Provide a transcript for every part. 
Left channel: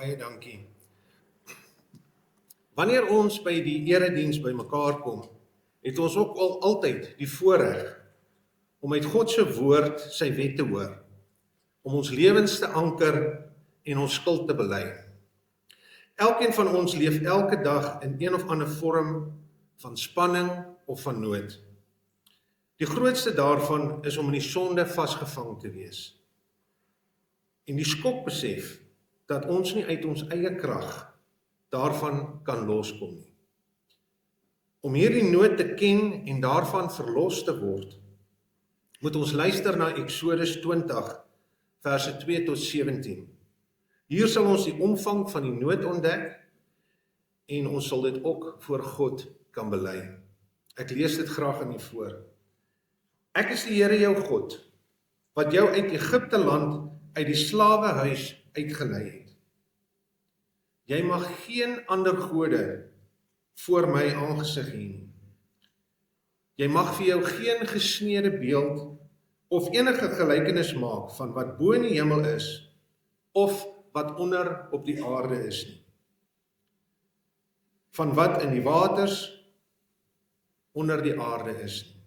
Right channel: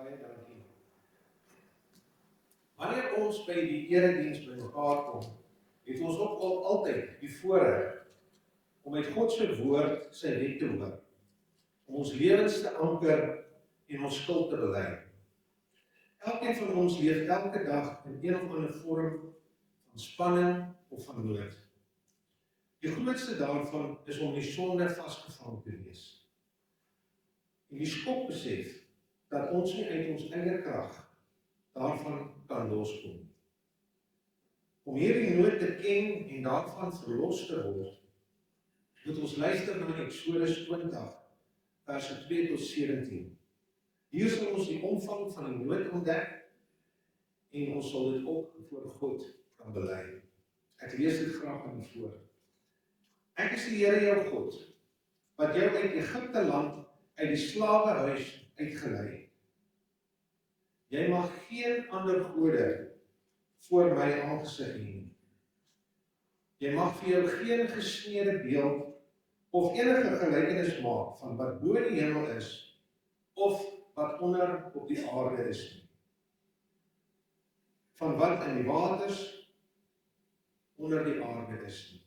Baie dankie. Wanneer ons by die erediens by mekaar kom, het ons ook altyd die voorreg om uit God se woord sy wet te hoor, om ons lewens te anker en ons skuld te bely. Elkeen van ons leef elke dag in een of ander vorm van spanning of van nood. Die grootste daarvan is om in die sonde vasgevang te wees. En die skokbesef dat ons nie uit ons eie krag daarvan kan loskom nie. Om hierdie nood te ken en daarvan verlos te word, moet ons luister na Eksodus 20, verse 2 tot 17. Hier sal ons die omvang van die nood ontdek en ons sal dit ook voor God kan bely. Ek lees dit graag aan u voor. Ek is die Here jou God, wat jou uit Egipte land, uit die slawehuis uitgelei het. Jy mag geen ander gode voor my aangesig hê nie. Jy mag vir jou geen gesneede beeld of enige gelykenis maak van wat bo in die hemel is of wat onder op die aarde is nie. Van wat in die waters onder die aarde is nie.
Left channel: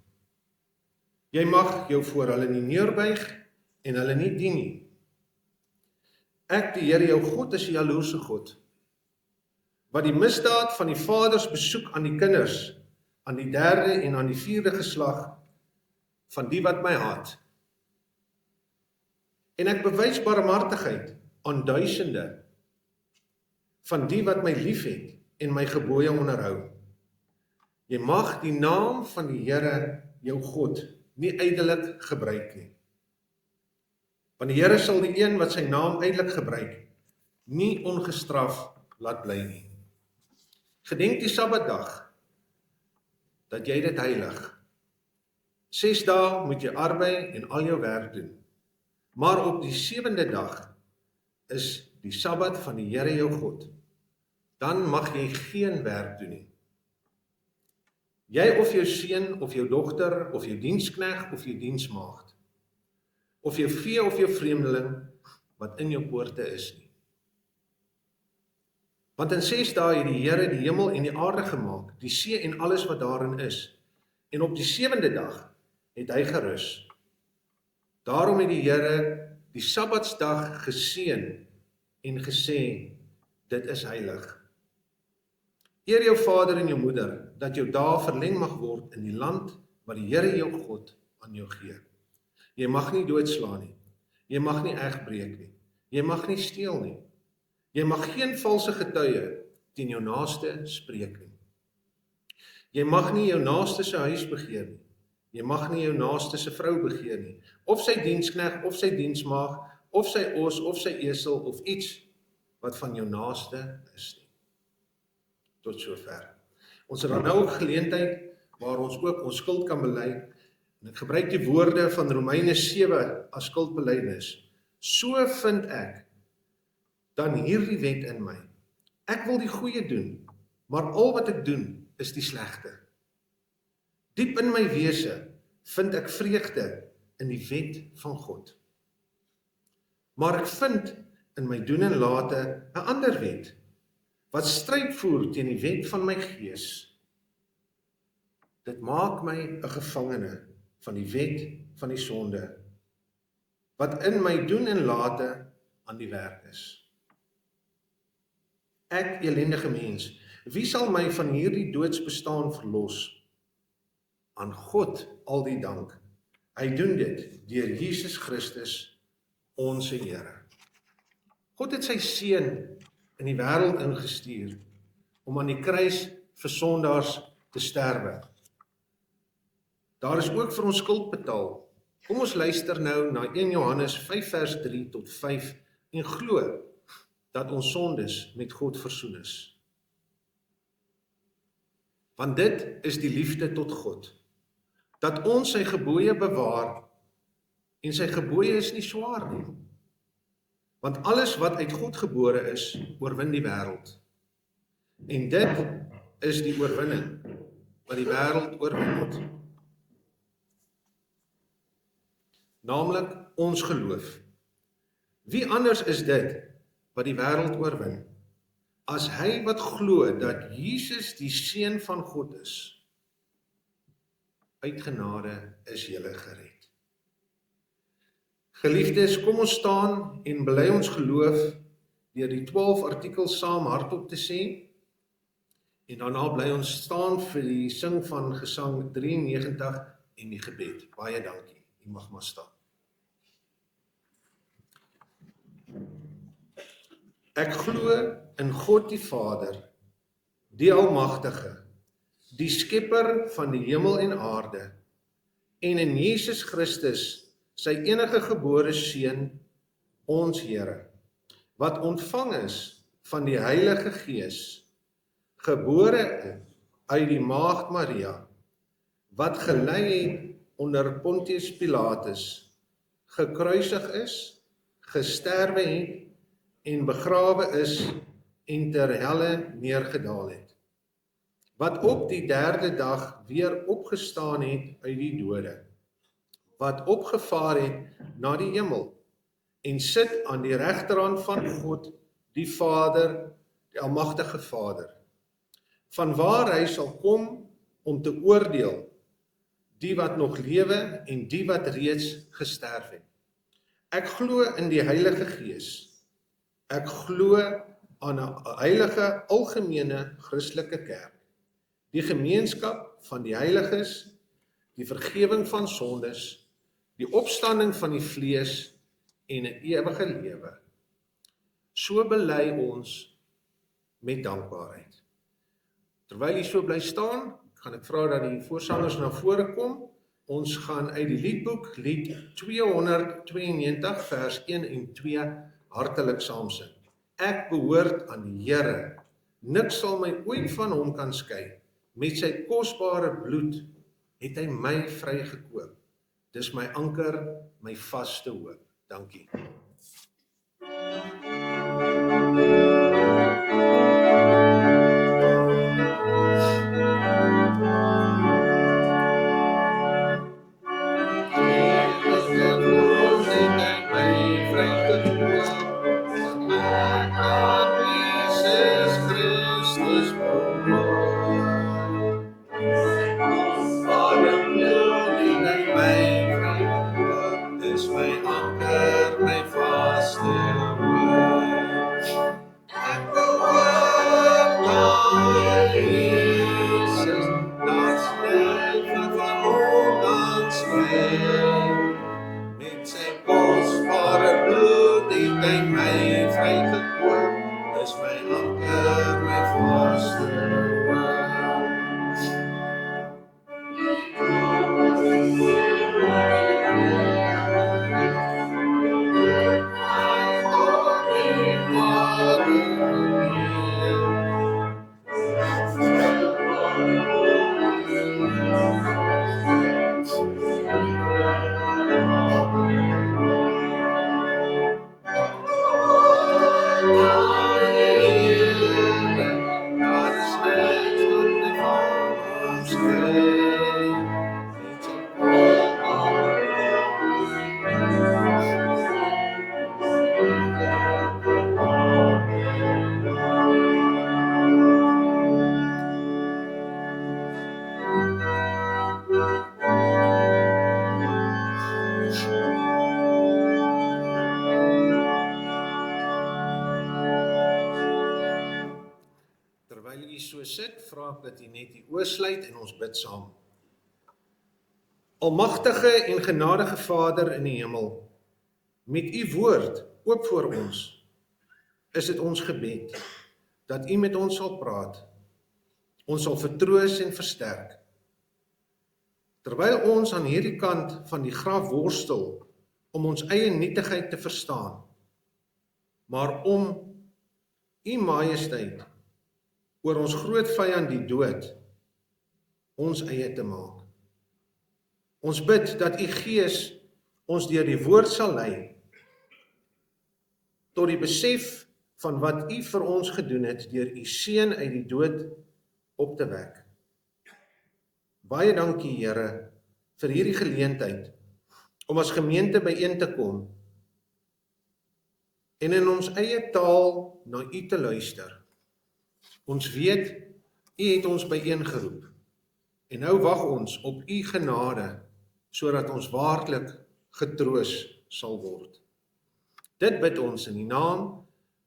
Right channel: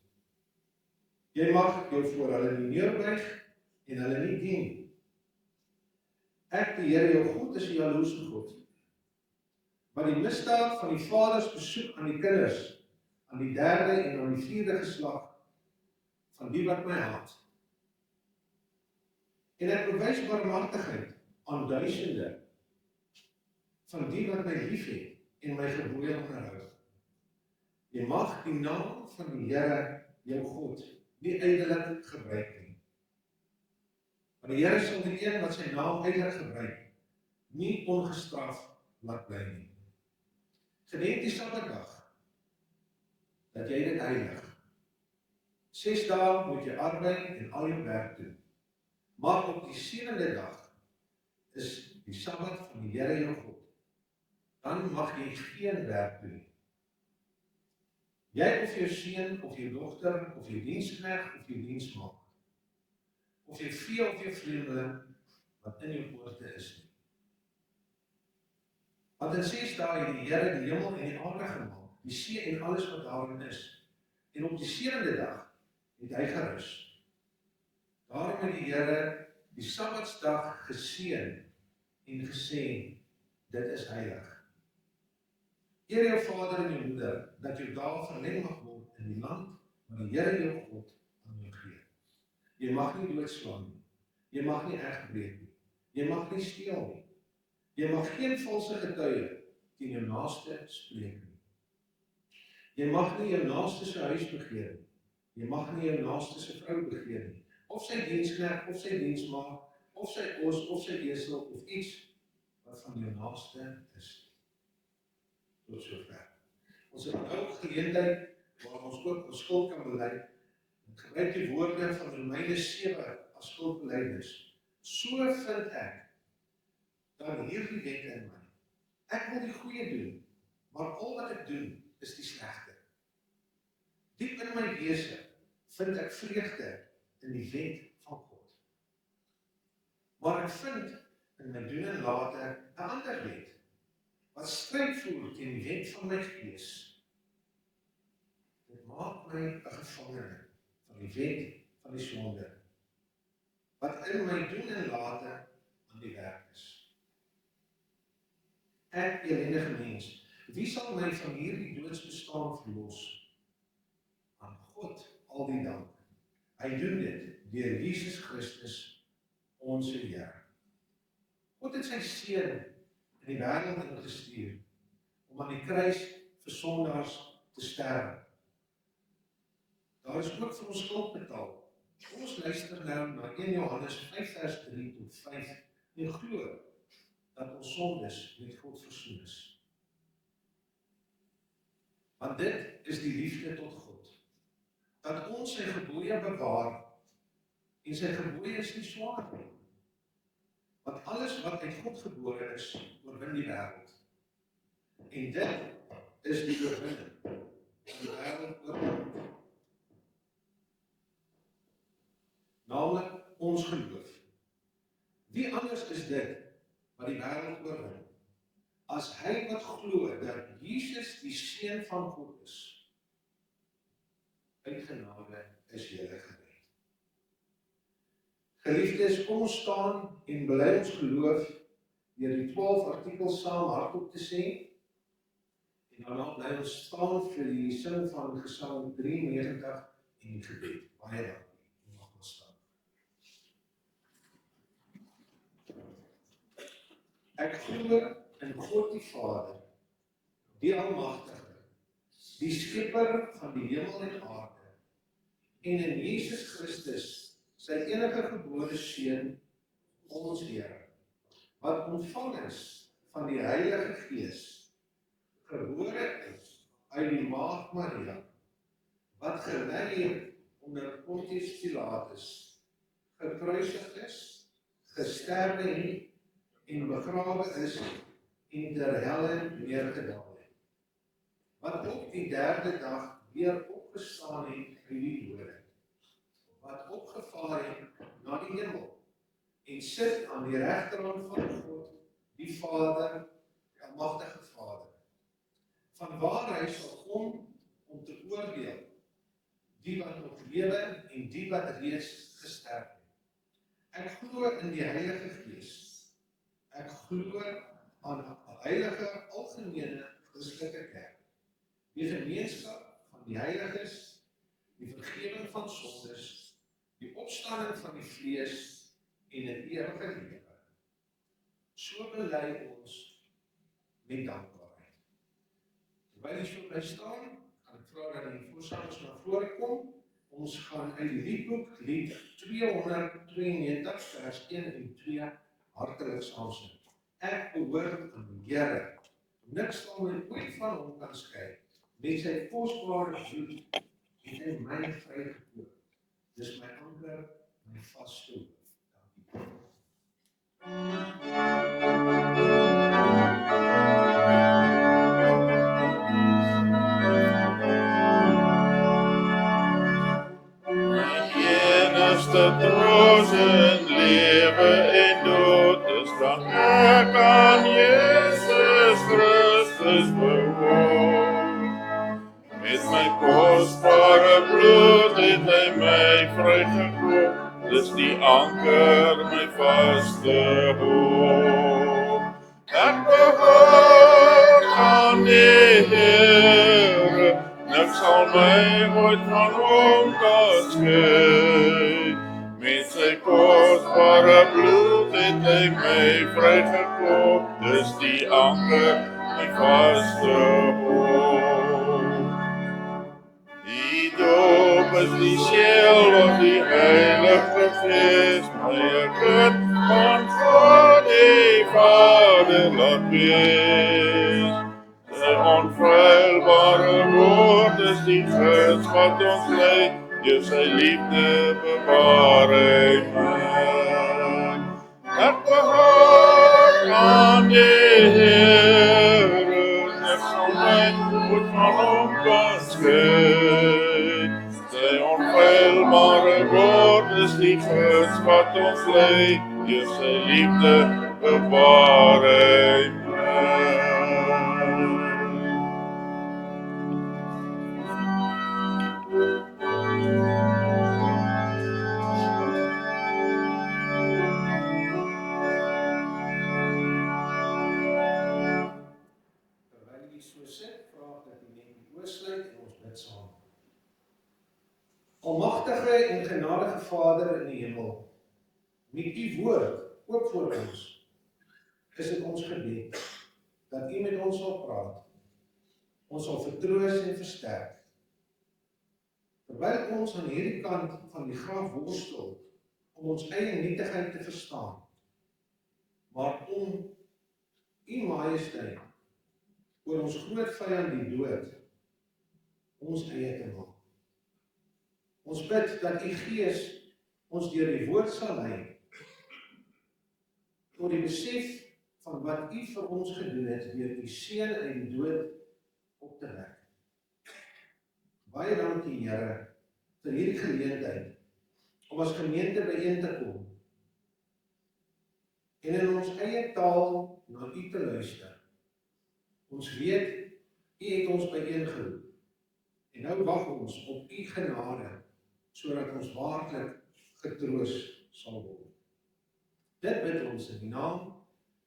Jy mag jou voor hulle nie neerbuig en hulle nie dien nie. Ek, die Here jou God, is 'n jaloerse God, wat die misdaad van die vaders besoek aan die kinders, aan die 3de en aan die 4de geslag van die wat my haat. En ek bewys barmhartigheid aan duisende van die wat my liefhet en my gebooie onderhou. Jy mag die naam van die Here jou God nie ydelik gebruik nie. Want die Here sal die een wat sy naam ydelik gebruik, nie ongestraf laat bly nie. Gedenk die Sabbatdag, dat jy dit heilig. 6 dae moet jy arbei en al jou werk doen. Maar op die 7de dag is die Sabbat van die Here jou God. Dan mag jy geen werk doen nie. Jy of jou seun of jou dogter of jou dienskneg of jou diensmaagd, of jou vee of jou vreemdeling wat in jou poorte is nie. Want in 6 dae het die Here die hemel en die aarde gemaak, die see en alles wat daarin is. En op die 7de dag het hy gerus. Daarom het die Here die Sabbatsdag geseën en gesê, dit is heilig. Eer jou vader en jou moeder, dat jou dae verleng mag word in die land wat die Here jou God aan jou gee. Jy mag nie doodslaan nie. Jy mag nie egbreek nie. Jy mag nie steel nie. Jy mag geen valse getuie teen jou naaste spreek nie. Jy mag nie jou naaste se huis begeer nie. Jy mag nie jou naaste se vrou begeer nie. Of sy dienskneg, of sy diensmaag, of sy os, of sy esel, of iets wat van jou naaste is nie. Tot sover. Ons het dan nou ook geleentheid waar ons ook ons skuld kan bely. En ek gebruik die woorde van Romeine 7 as skuldbelydenis. So vind ek dan hierdie wet in my. Ek wil die goeie doen, maar al wat ek doen is die slegte. Diep in my wese vind ek vreugde in die wet van God. Maar ek vind in my doen en late 'n ander wet, wat stryd voer teen die wet van my gees. Dit maak my 'n gevangene van die wet van die sonde, wat in my doen en late aan die werk is. Ek, elendige mens, wie sal my van hierdie doodsbestaan verlos? Aan God al die dank. Hy doen dit deur Jesus Christus, ons Here. God het sy seun in die wêreld ingestuur om aan die kruis vir sondaars te sterwe. Daar is ook vir ons skuld betaal. Kom ons luister nou na 1 Johannes 5 vers 3 tot 5 en glo dat ons sondes met God versoen is. Want dit is die liefde tot God, dat ons sy gebooie bewaar, en sy gebooie is nie swaar nie. Want alles wat uit God gebore is, oorwin die wêreld. En dit is die oorwinning wat die wêreld oorwin het. Naamlik ons geloof. Wie anders is dit wat die wêreld oorwin, as hy wat glo dat Jesus die Seun van God is. Uit genade is julle gered. Geliefdes, kom ons staan en bely ons geloof deur die 12 artikels saam hardop te sê, en daarna bly ons staan vir die sing van Gesang 93 en die gebed. Baie dankie, u mag maar staan. Ek glo in God die Vader, die Almagtige, die Skepper van die hemel en aarde, en in Jesus Christus, sy enige gebore Seun, ons Here, wat ontvang is van die Heilige Gees, gebore uit die Maagd Maria, wat gelei het onder Pontius Pilatus, gekruisig is, gesterwe het, en begrawe is, en ter helle neergedaal het, wat op die 3de dag weer opgestaan het uit die dode, wat opgevaar het na die hemel, en sit aan die regterhand van God, die Vader, die Almagtige Vader, vanwaar hy sal kom om te oordeel, die wat nog lewe en die wat reeds gesterf het. Ek glo in die Heilige Gees. Ek glo aan 'n heilige algemene Christelike kerk, die gemeenskap van die heiliges, die vergewing van sondes, die opstanding van die vlees en 'n ewige lewe. So bely ons met dankbaarheid. Terwyl jy so bly staan, gaan ek vra dat die voorsangers na vore kom. Ons gaan uit die liedboek, lied 292, vers 1 en 2, hartelik saam sing. Ek behoort aan die Here, niks sal my ooit van hom kan skei. Met sy kosbare bloed het hy my vrygekoop. Dis my anker, my vaste hoop. Dankie. Almagtige en genadige Vader in die hemel, met u woord oop voor ons, is dit ons gebed, dat u met ons sal praat, ons sal vertroos en versterk. Terwyl ons aan hierdie kant van die graf worstel, om ons eie nietigheid te verstaan, maar om u majesteit, oor ons groot vyand die dood, ons eie te maak. Ons bid dat u Gees ons deur die woord sal lei, tot die besef van wat u vir ons gedoen het, deur u Seun uit die dood op te wek. Baie dankie, Here, vir hierdie geleentheid, om as gemeente byeen te kom, en in ons eie taal na U te luister. Ons weet, U het ons byeengeroep, en nou wag ons op U genade, sodat ons waarlik getroos sal word. Dit bid ons in die naam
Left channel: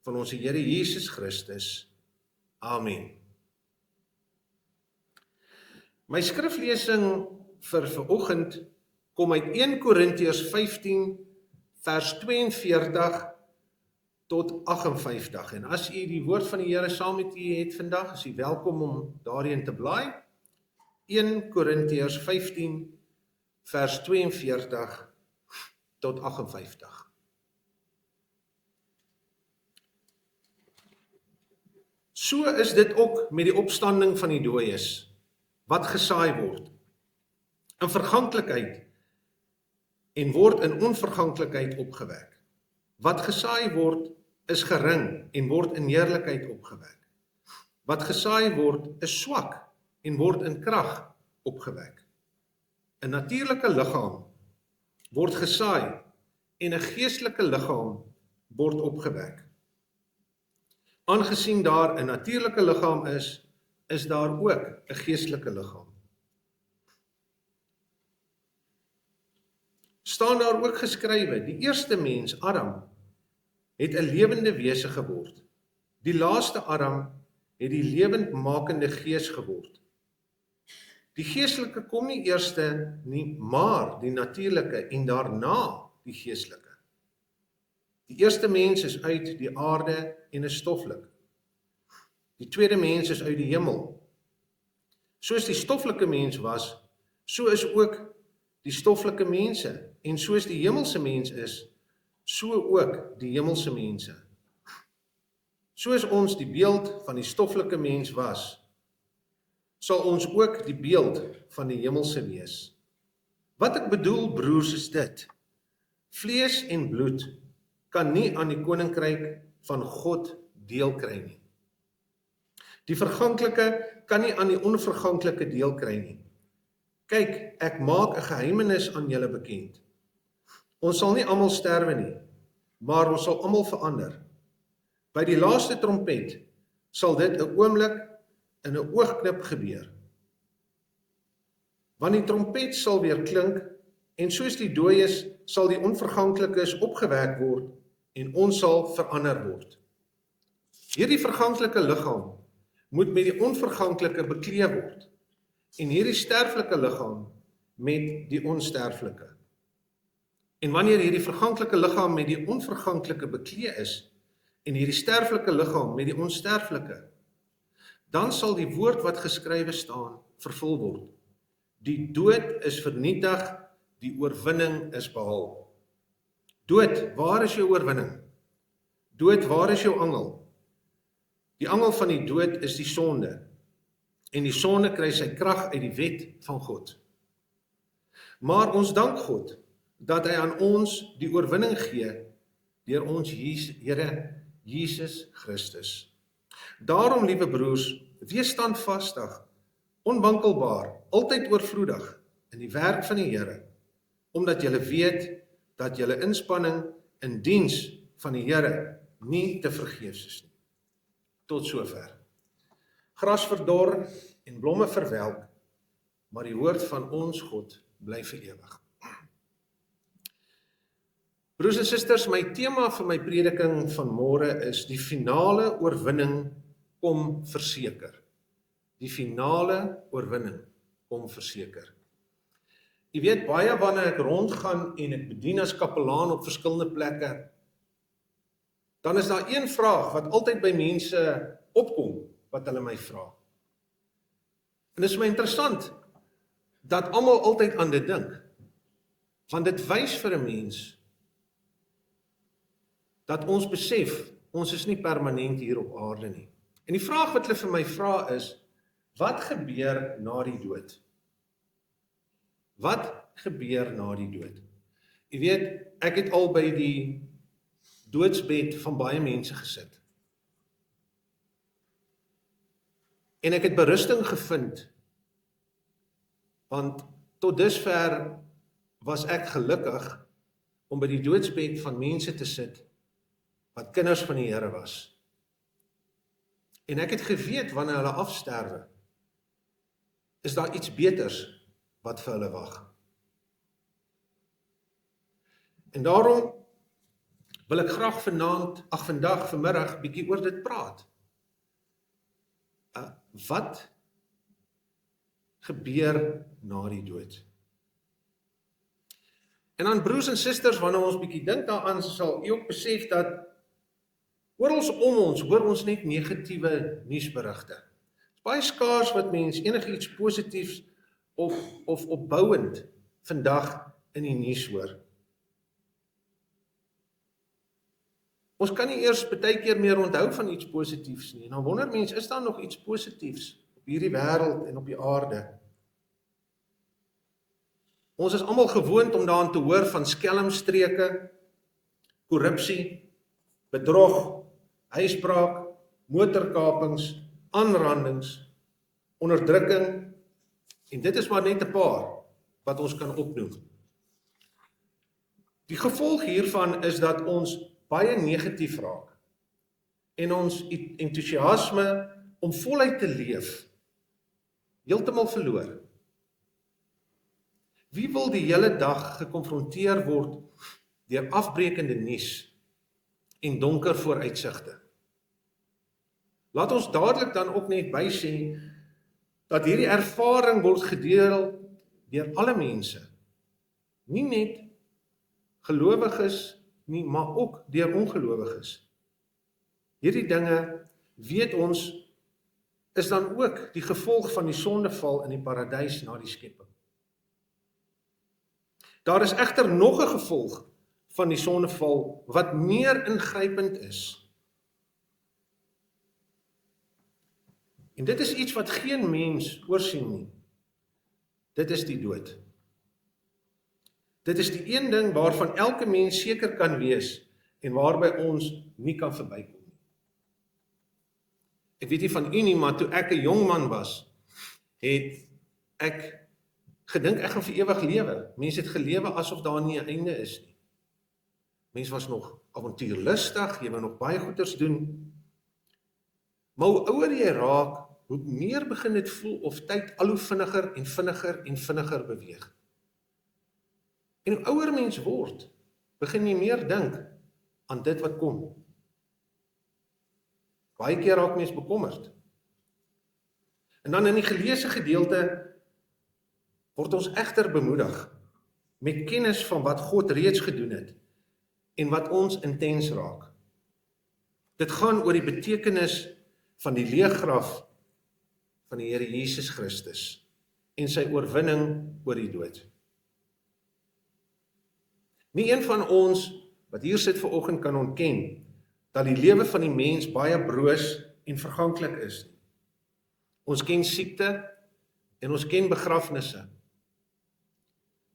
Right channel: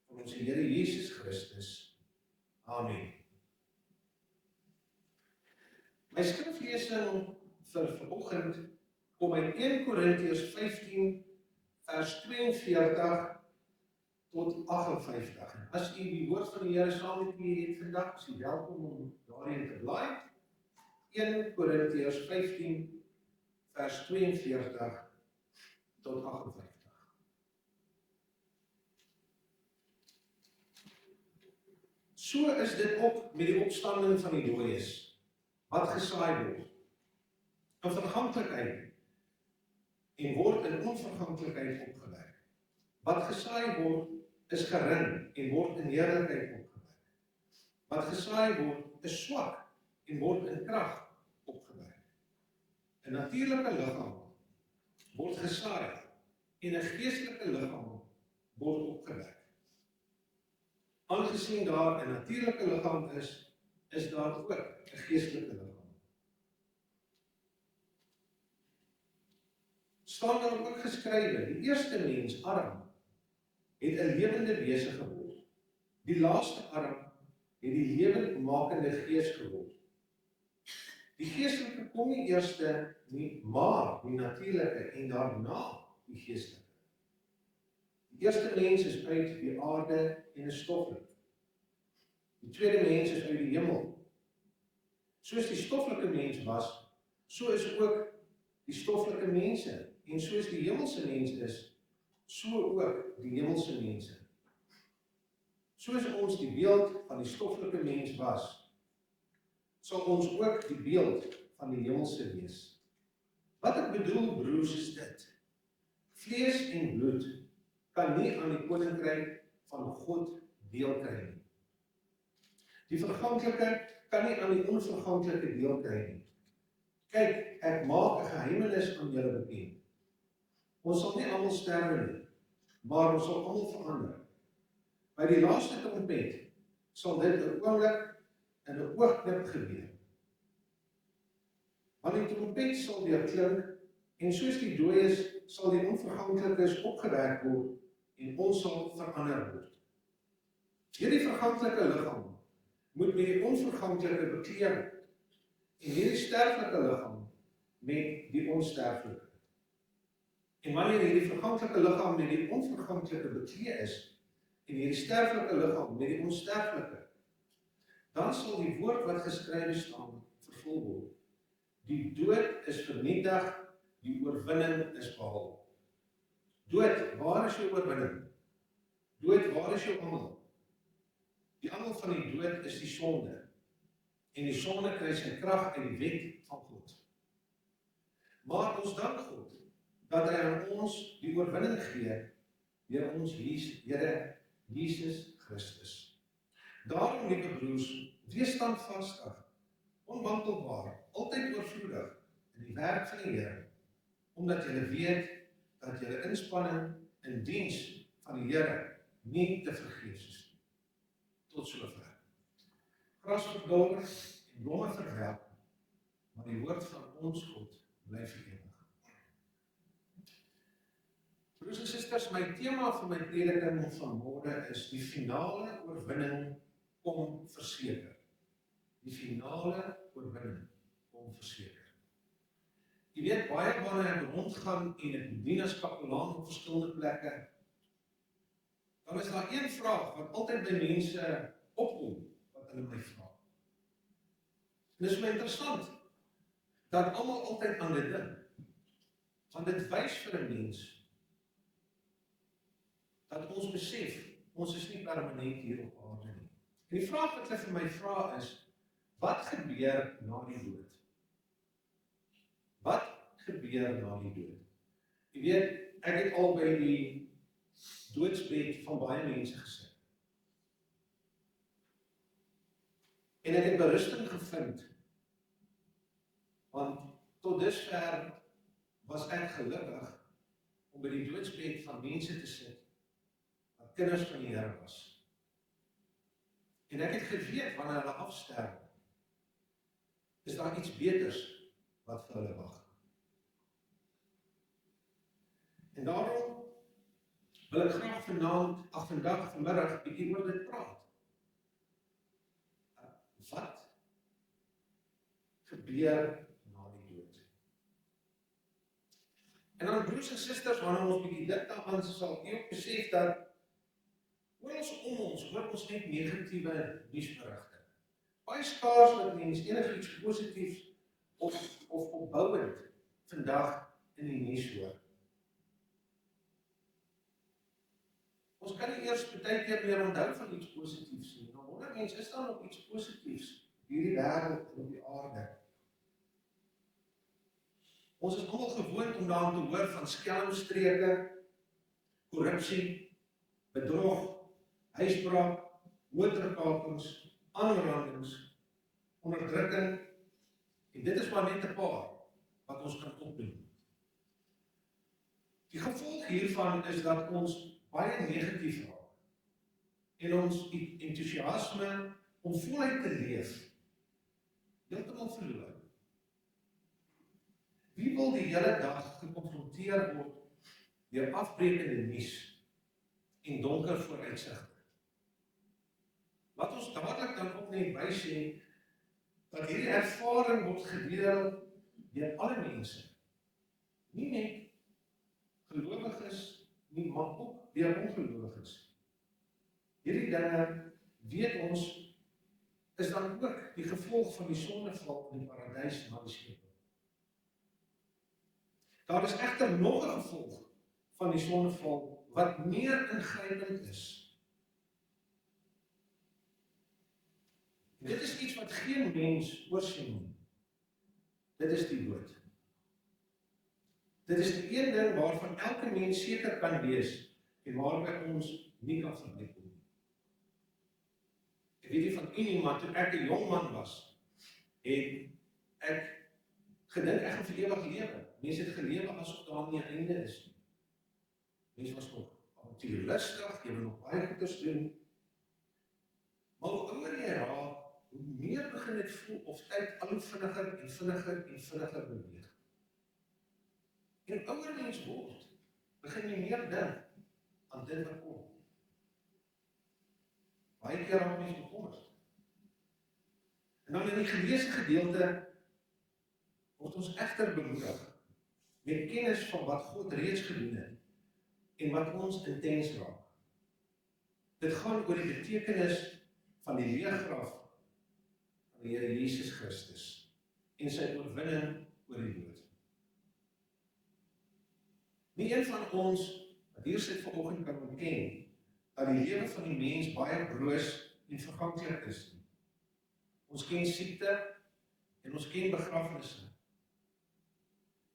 van ons Here Jesus Christus. Amen. My skriflesing vir vanoggend kom uit 1 Korintiërs 15 vers 42 tot 58. En as u die woord van die Here saam met u het vandag, is u welkom om daarin te blaai. 1 Korintiërs 15 vers 42 tot 58. So is dit ook met die opstanding van die dooies, wat gesaai word in verganklikheid en word in onverganklikheid opgewek. Wat gesaai word is gering en word in heerlikheid opgewek. Wat gesaai word is swak en word in krag opgewek. 'n natuurlike liggaam word gesaai en 'n geestelike liggaam word opgewek. Aangesien daar 'n natuurlike liggaam is daar ook 'n geestelike liggaam. Staan daar ook geskrywe, die eerste mens, Adam, het 'n lewende wese geword. Die laaste Adam het die lewendmakende gees geword. Die geestelike kom nie eerste nie, maar die natuurlike en daarna die geestelike. Die eerste mens is uit die aarde en is stoffelik. Die tweede mens is uit die hemel. Soos die stoffelike mens was, so is ook die stoffelike mense. En soos die hemelse mens is, so ook die hemelse mense. Soos ons die beeld van die stoffelike mens was, sal ons ook die beeld van die hemelse wees. Wat ek bedoel, broers, is dit: vlees en bloed kan nie aan die koninkryk van God deel kry nie. Die verganklike kan nie aan die onverganklike deel kry nie. Kyk, ek maak 'n geheimenis aan julle bekend. Ons sal nie almal sterwe nie, maar ons sal almal verander. By die laaste trompet sal dit 'n oomblik in 'n oogknip gebeur. Want die trompet sal weer klink, en soos die dooies sal die onverganklikes opgewek word, en ons sal verander word. Hierdie verganklike liggaam moet met die onverganklike bekleed word, en hierdie sterflike liggaam met die onsterflike. En wanneer hierdie verganklike liggaam met die onverganklike bekleed is, en hierdie sterflike liggaam met die onsterflike, dan sal die woord wat geskrywe staan vervul word. Die dood is vernietig, die oorwinning is behaal. Dood, waar is jou oorwinning? Dood, waar is jou angel? Die angel van die dood is die sonde, en die sonde kry sy krag uit die wet van God. Maar ons dank God, dat hy aan ons die oorwinning gee, deur ons Here Jesus Christus. Daarom, liewe broers, wees standvastig, onwankelbaar, altyd oorvloedig in die werk van die Here, omdat julle weet dat julle inspanning in diens van die Here nie te vergeefs is nie. Tot sover. Gras verdor en blomme verwelk, maar die woord van ons God bly vir ewig. Broers en susters, my tema vir my prediking van môre is die finale oorwinning kom verseker. Die finale oorwinning kom verseker. Jy weet, baie wanneer ek rondgaan en ek bedien as kapelaan op verskillende plekke, dan is daar een vraag wat altyd by mense opkom, wat hulle my vra. En dit is my interessant, dat almal altyd aan dit dink, want dit wys vir 'n mens, dat ons besef, ons is nie permanent hier op aarde nie. En die vraag wat hulle vir my vra is, wat gebeur na die dood? Wat gebeur na die dood? Jy weet, ek het al by die doodsbed van baie mense gesit. En ek het berusting gevind, want tot dusver was ek gelukkig om by die doodsbed van mense te sit, wat kinders van die Here was. En ek het geweet wanneer hulle afsterwe, is daar iets beters wat vir hulle wag. En daarom wil ek graag vanmiddag bietjie oor dit praat. Wat gebeur na die dood? En dan broers en susters, wanneer ons bietjie dink daaraan, sal u ook besef dat oral om ons hoor ons net negatiewe nuusberigte. Dit is baie skaars wat mens enigiets positiefs of opbouend vandag in die nuus hoor. Ons kan nie eers baie keer meer onthou van iets positiefs nie. Nou wonder mens, is daar nog iets positiefs op hierdie wêreld en op die aarde? Ons is almal gewoond om daaraan te hoor van skelmstreke, korrupsie, bedrog, huisbraak, motorkapings, aanrandings, onderdrukking, en dit is maar net 'n paar wat ons kan opnoem. Die gevolg hiervan is dat ons baie negatief raak en ons entoesiasme om voluit te leef heeltemal verloor. Wie wil die hele dag gekonfronteer word deur afbreekende nuus en donker vooruitsigte? Laat ons dadelik dan ook net bysê dat hierdie ervaring word gedeel deur alle mense, nie net gelowiges nie, maar ook deur ongelowiges. Hierdie dinge, weet ons, is dan ook die gevolg van die sondeval in die paradys na die skepping. Daar is egter nog 'n gevolg van die sondeval wat meer ingrypend is. En dit is iets wat geen mens oorsien nie. Dit is die dood. Dit is die een ding waarvan elke mens seker kan wees en waarby ons nie kan verbykom nie. Ek weet nie van u nie, maar toe ek 'n jong man was, het ek gedink ek gaan vir ewig lewe. Mense het gelewe asof daar nie 'n einde is nie. Mense was nog avontuurlustig, jy wou nog baie goeders doen. Maar hoe ouer jy raak, hoe meer begin dit voel of tyd al hoe vinniger en vinniger beweeg. En hoe ouer mens word, begin jy meer dink aan dit wat kom. Baie keer raak mens bekommerd. En dan in die geleesde gedeelte word ons egter bemoedig met kennis van wat God reeds gedoen het en wat ons intens raak. Dit gaan oor die betekenis van die leeggraf van die Here Jesus Christus en sy oorwinning oor die dood. Nie een van ons wat hier sit vanoggend kan ontken dat die lewe van die mens baie broos en verganklik is nie. Ons ken siekte en ons ken begrafnisse.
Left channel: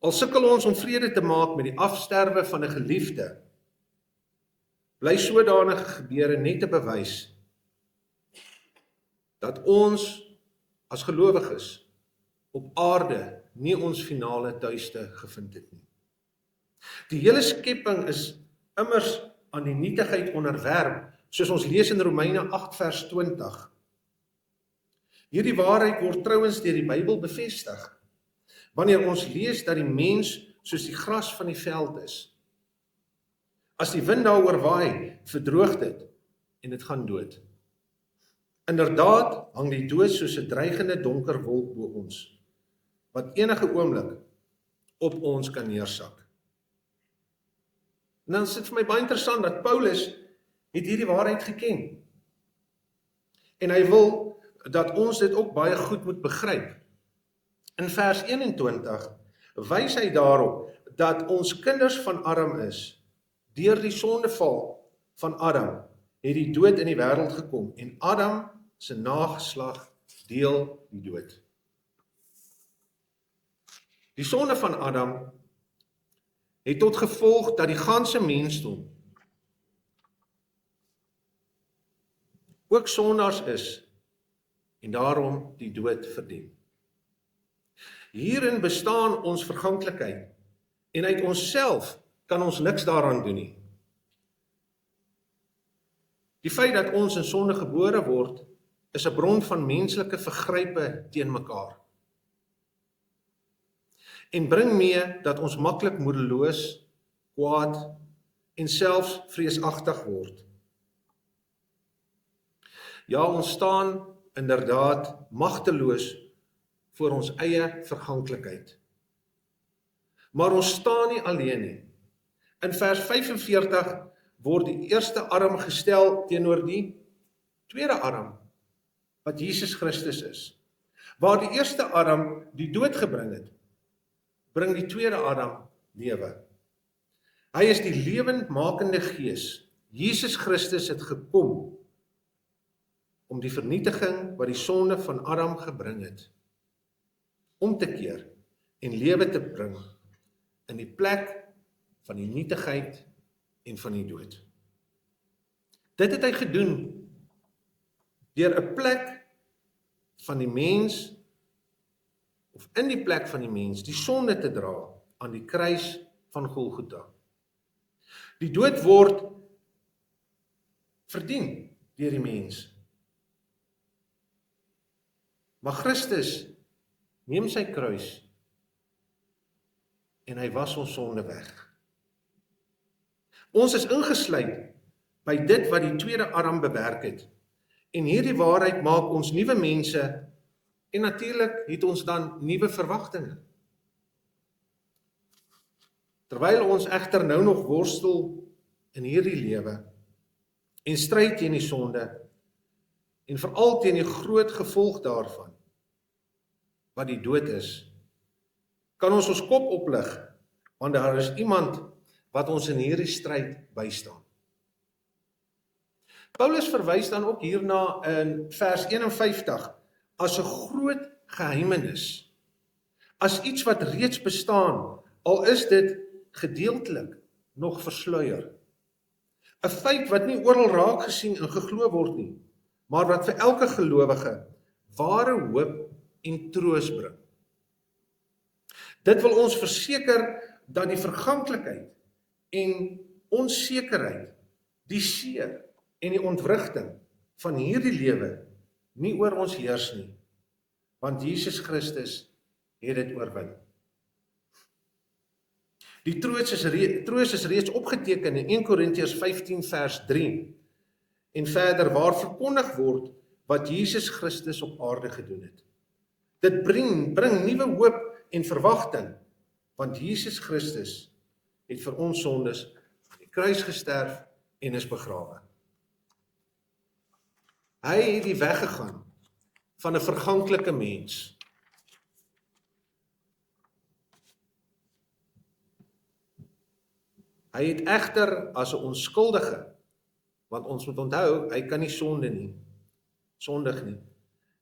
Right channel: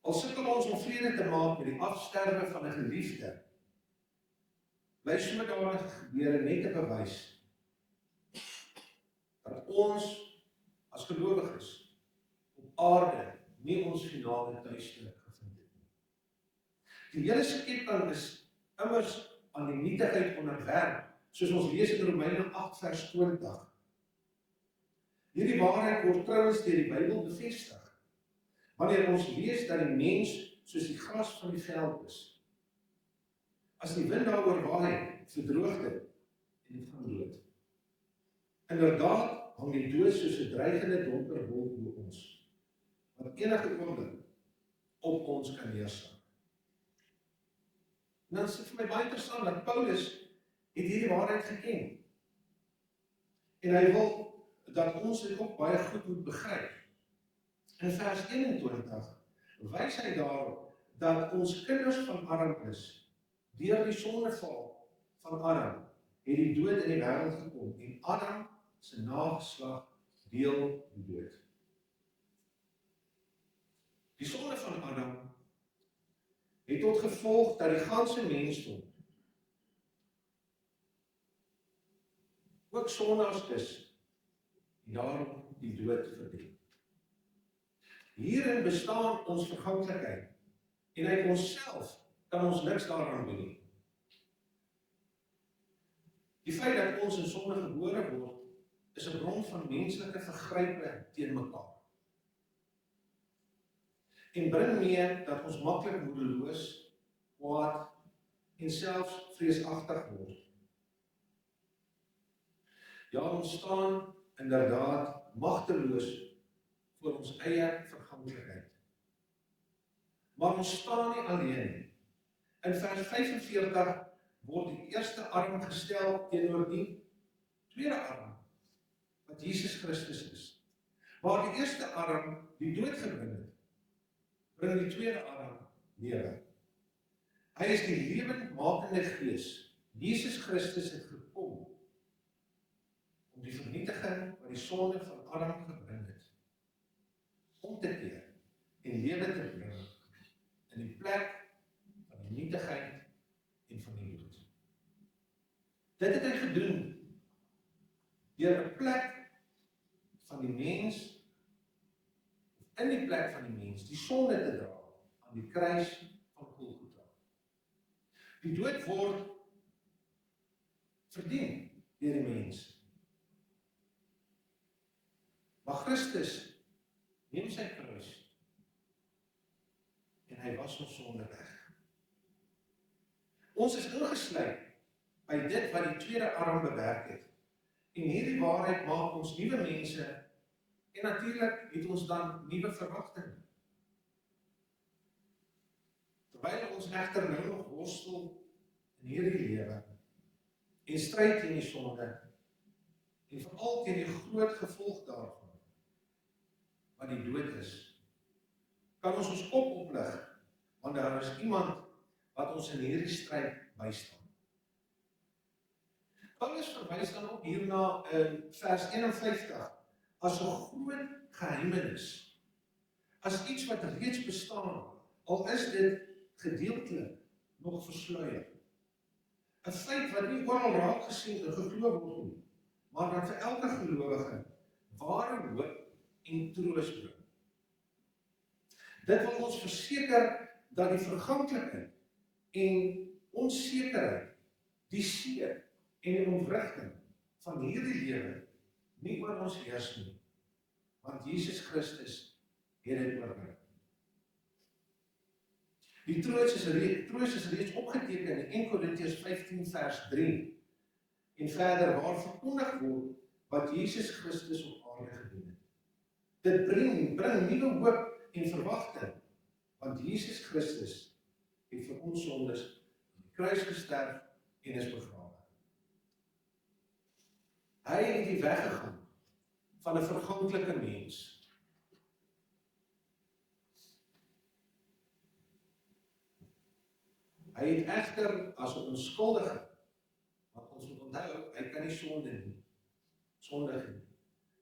Al sukkel ons om vrede te maak met die afsterwe van 'n geliefde, bly sodanige gebeure net te bewys dat ons as gelowiges op aarde nie ons finale tuiste gevind het nie. Die hele skepping is immers aan die nietigheid onderwerp, soos ons lees in Romeine 8 vers 20. Hierdie waarheid word trouens deur die Bybel bevestig, wanneer ons lees dat die mens soos die gras van die veld is. As die wind daaroor waai, verdroog dit en dit gaan dood. Inderdaad hang die dood soos 'n dreigende donker wolk bo ons, wat enige oomblik op ons kan neersak. En dan is dit vir my baie interessant dat Paulus het hierdie waarheid geken. En hy wil dat ons dit ook baie goed moet begryp. In vers 21 wys hy daarop dat ons kinders van Adam is. Deur die sondeval van Adam het die dood in die wêreld gekom en Adam se nageslag deel die dood. Die sonde van Adam het tot gevolg dat die ganse mensdom ook sondaars is en daarom die dood verdien. Hierin bestaan ons verganklikheid en uit onsself kan ons niks daaraan doen nie. Die feit dat ons in sonde gebore word, is 'n bron van menslike vergrype teen mekaar. En bring mee dat ons maklik moedeloos, kwaad en selfs vreesagtig word. Ja, ons staan inderdaad magteloos voor ons eie verganklikheid. Maar ons staan nie alleen nie. In vers 45 word die eerste arm gestel teenoor die tweede arm, wat Jesus Christus is. Waar die eerste arm die dood gebring het, bring die tweede arm lewe. Hy is die lewendmakende gees. Jesus Christus het gekom om die vernietiging wat die sonde van Adam gebring het, om te keer en lewe te bring in die plek van die nietigheid en van die dood. Dit het hy gedoen deur 'n plek van die mens, of in die plek van die mens, die sonde te dra aan die kruis van Golgotha. Die dood word verdien deur die mens. Maar Christus neem sy kruis en hy was ons sonde weg. Ons is ingesluit by dit wat die tweede arm bewerk het. En hierdie waarheid maak ons nuwe mense en natuurlik het ons dan nuwe verwagtinge. Terwyl ons egter nou nog worstel in hierdie lewe en stryd teen die sonde en veral teen die groot gevolg daarvan, wat die dood is, kan ons kop oplig, want daar is iemand wat ons in hierdie stryd bystaan. Paulus verwys dan ook hierna in vers 51 as 'n groot geheimenis, as iets wat reeds bestaan, al is dit gedeeltelik nog versluier. 'n Feit wat nie oral raak gesien en geglo word nie, maar wat vir elke gelowige ware hoop en troos bring. Dit wil ons verseker dat die verganklikheid en onsekerheid, die seer en die ontwrigting van hierdie lewe nie oor ons heers nie, want Jesus Christus het dit oorwin. Die troos is reeds opgeteken in 1 Korintiërs 15 vers 3 en verder waar verkondig word wat Jesus Christus op aarde gedoen het. Dit bring nuwe hoop en verwagting, want Jesus Christus het vir ons sondes aan die kruis gesterf en is begrawe. Hy het die weg gegaan van 'n verganklike mens. Hy het egter as 'n onskuldige, want ons moet onthou, hy kan nie sondig nie,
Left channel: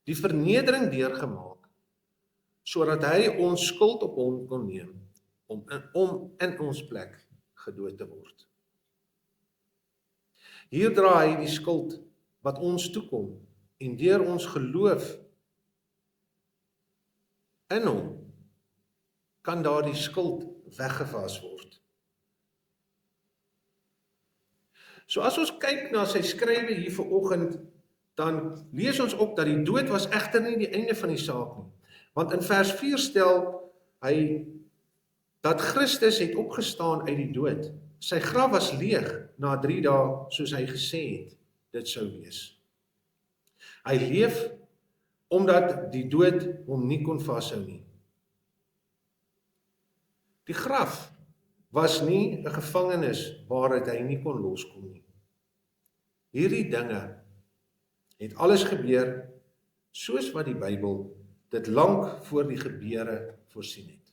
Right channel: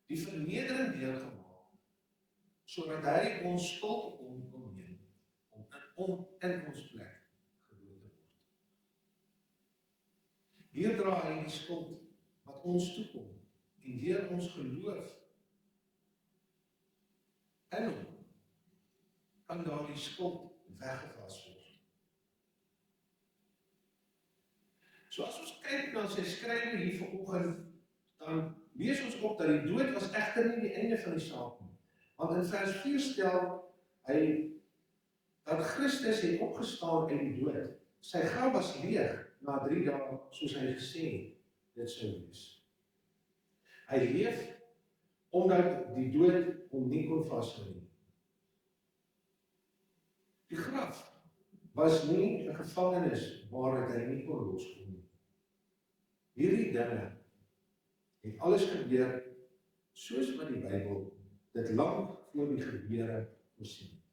die vernedering deurgemaak, sodat hy ons skuld op hom kon neem, om in ons plek gedood te word. Hier dra hy die skuld wat ons toekom, en deur ons geloof in hom, kan daardie skuld weggewas word. So as ons kyk na sy skrywe hier vanoggend, dan lees ons ook dat die dood was egter nie die einde van die saak nie. Want in vers 4 stel hy dat Christus het opgestaan uit die dood. Sy graf was leeg na 3 dae, soos hy gesê het, dit sou wees. Hy leef omdat die dood hom nie kon vashou nie. Die graf was nie 'n gevangenis waaruit hy nie kon loskom nie. Hierdie dinge het alles gebeur soos wat die Bybel dit lank voor die gebeure voorsien het.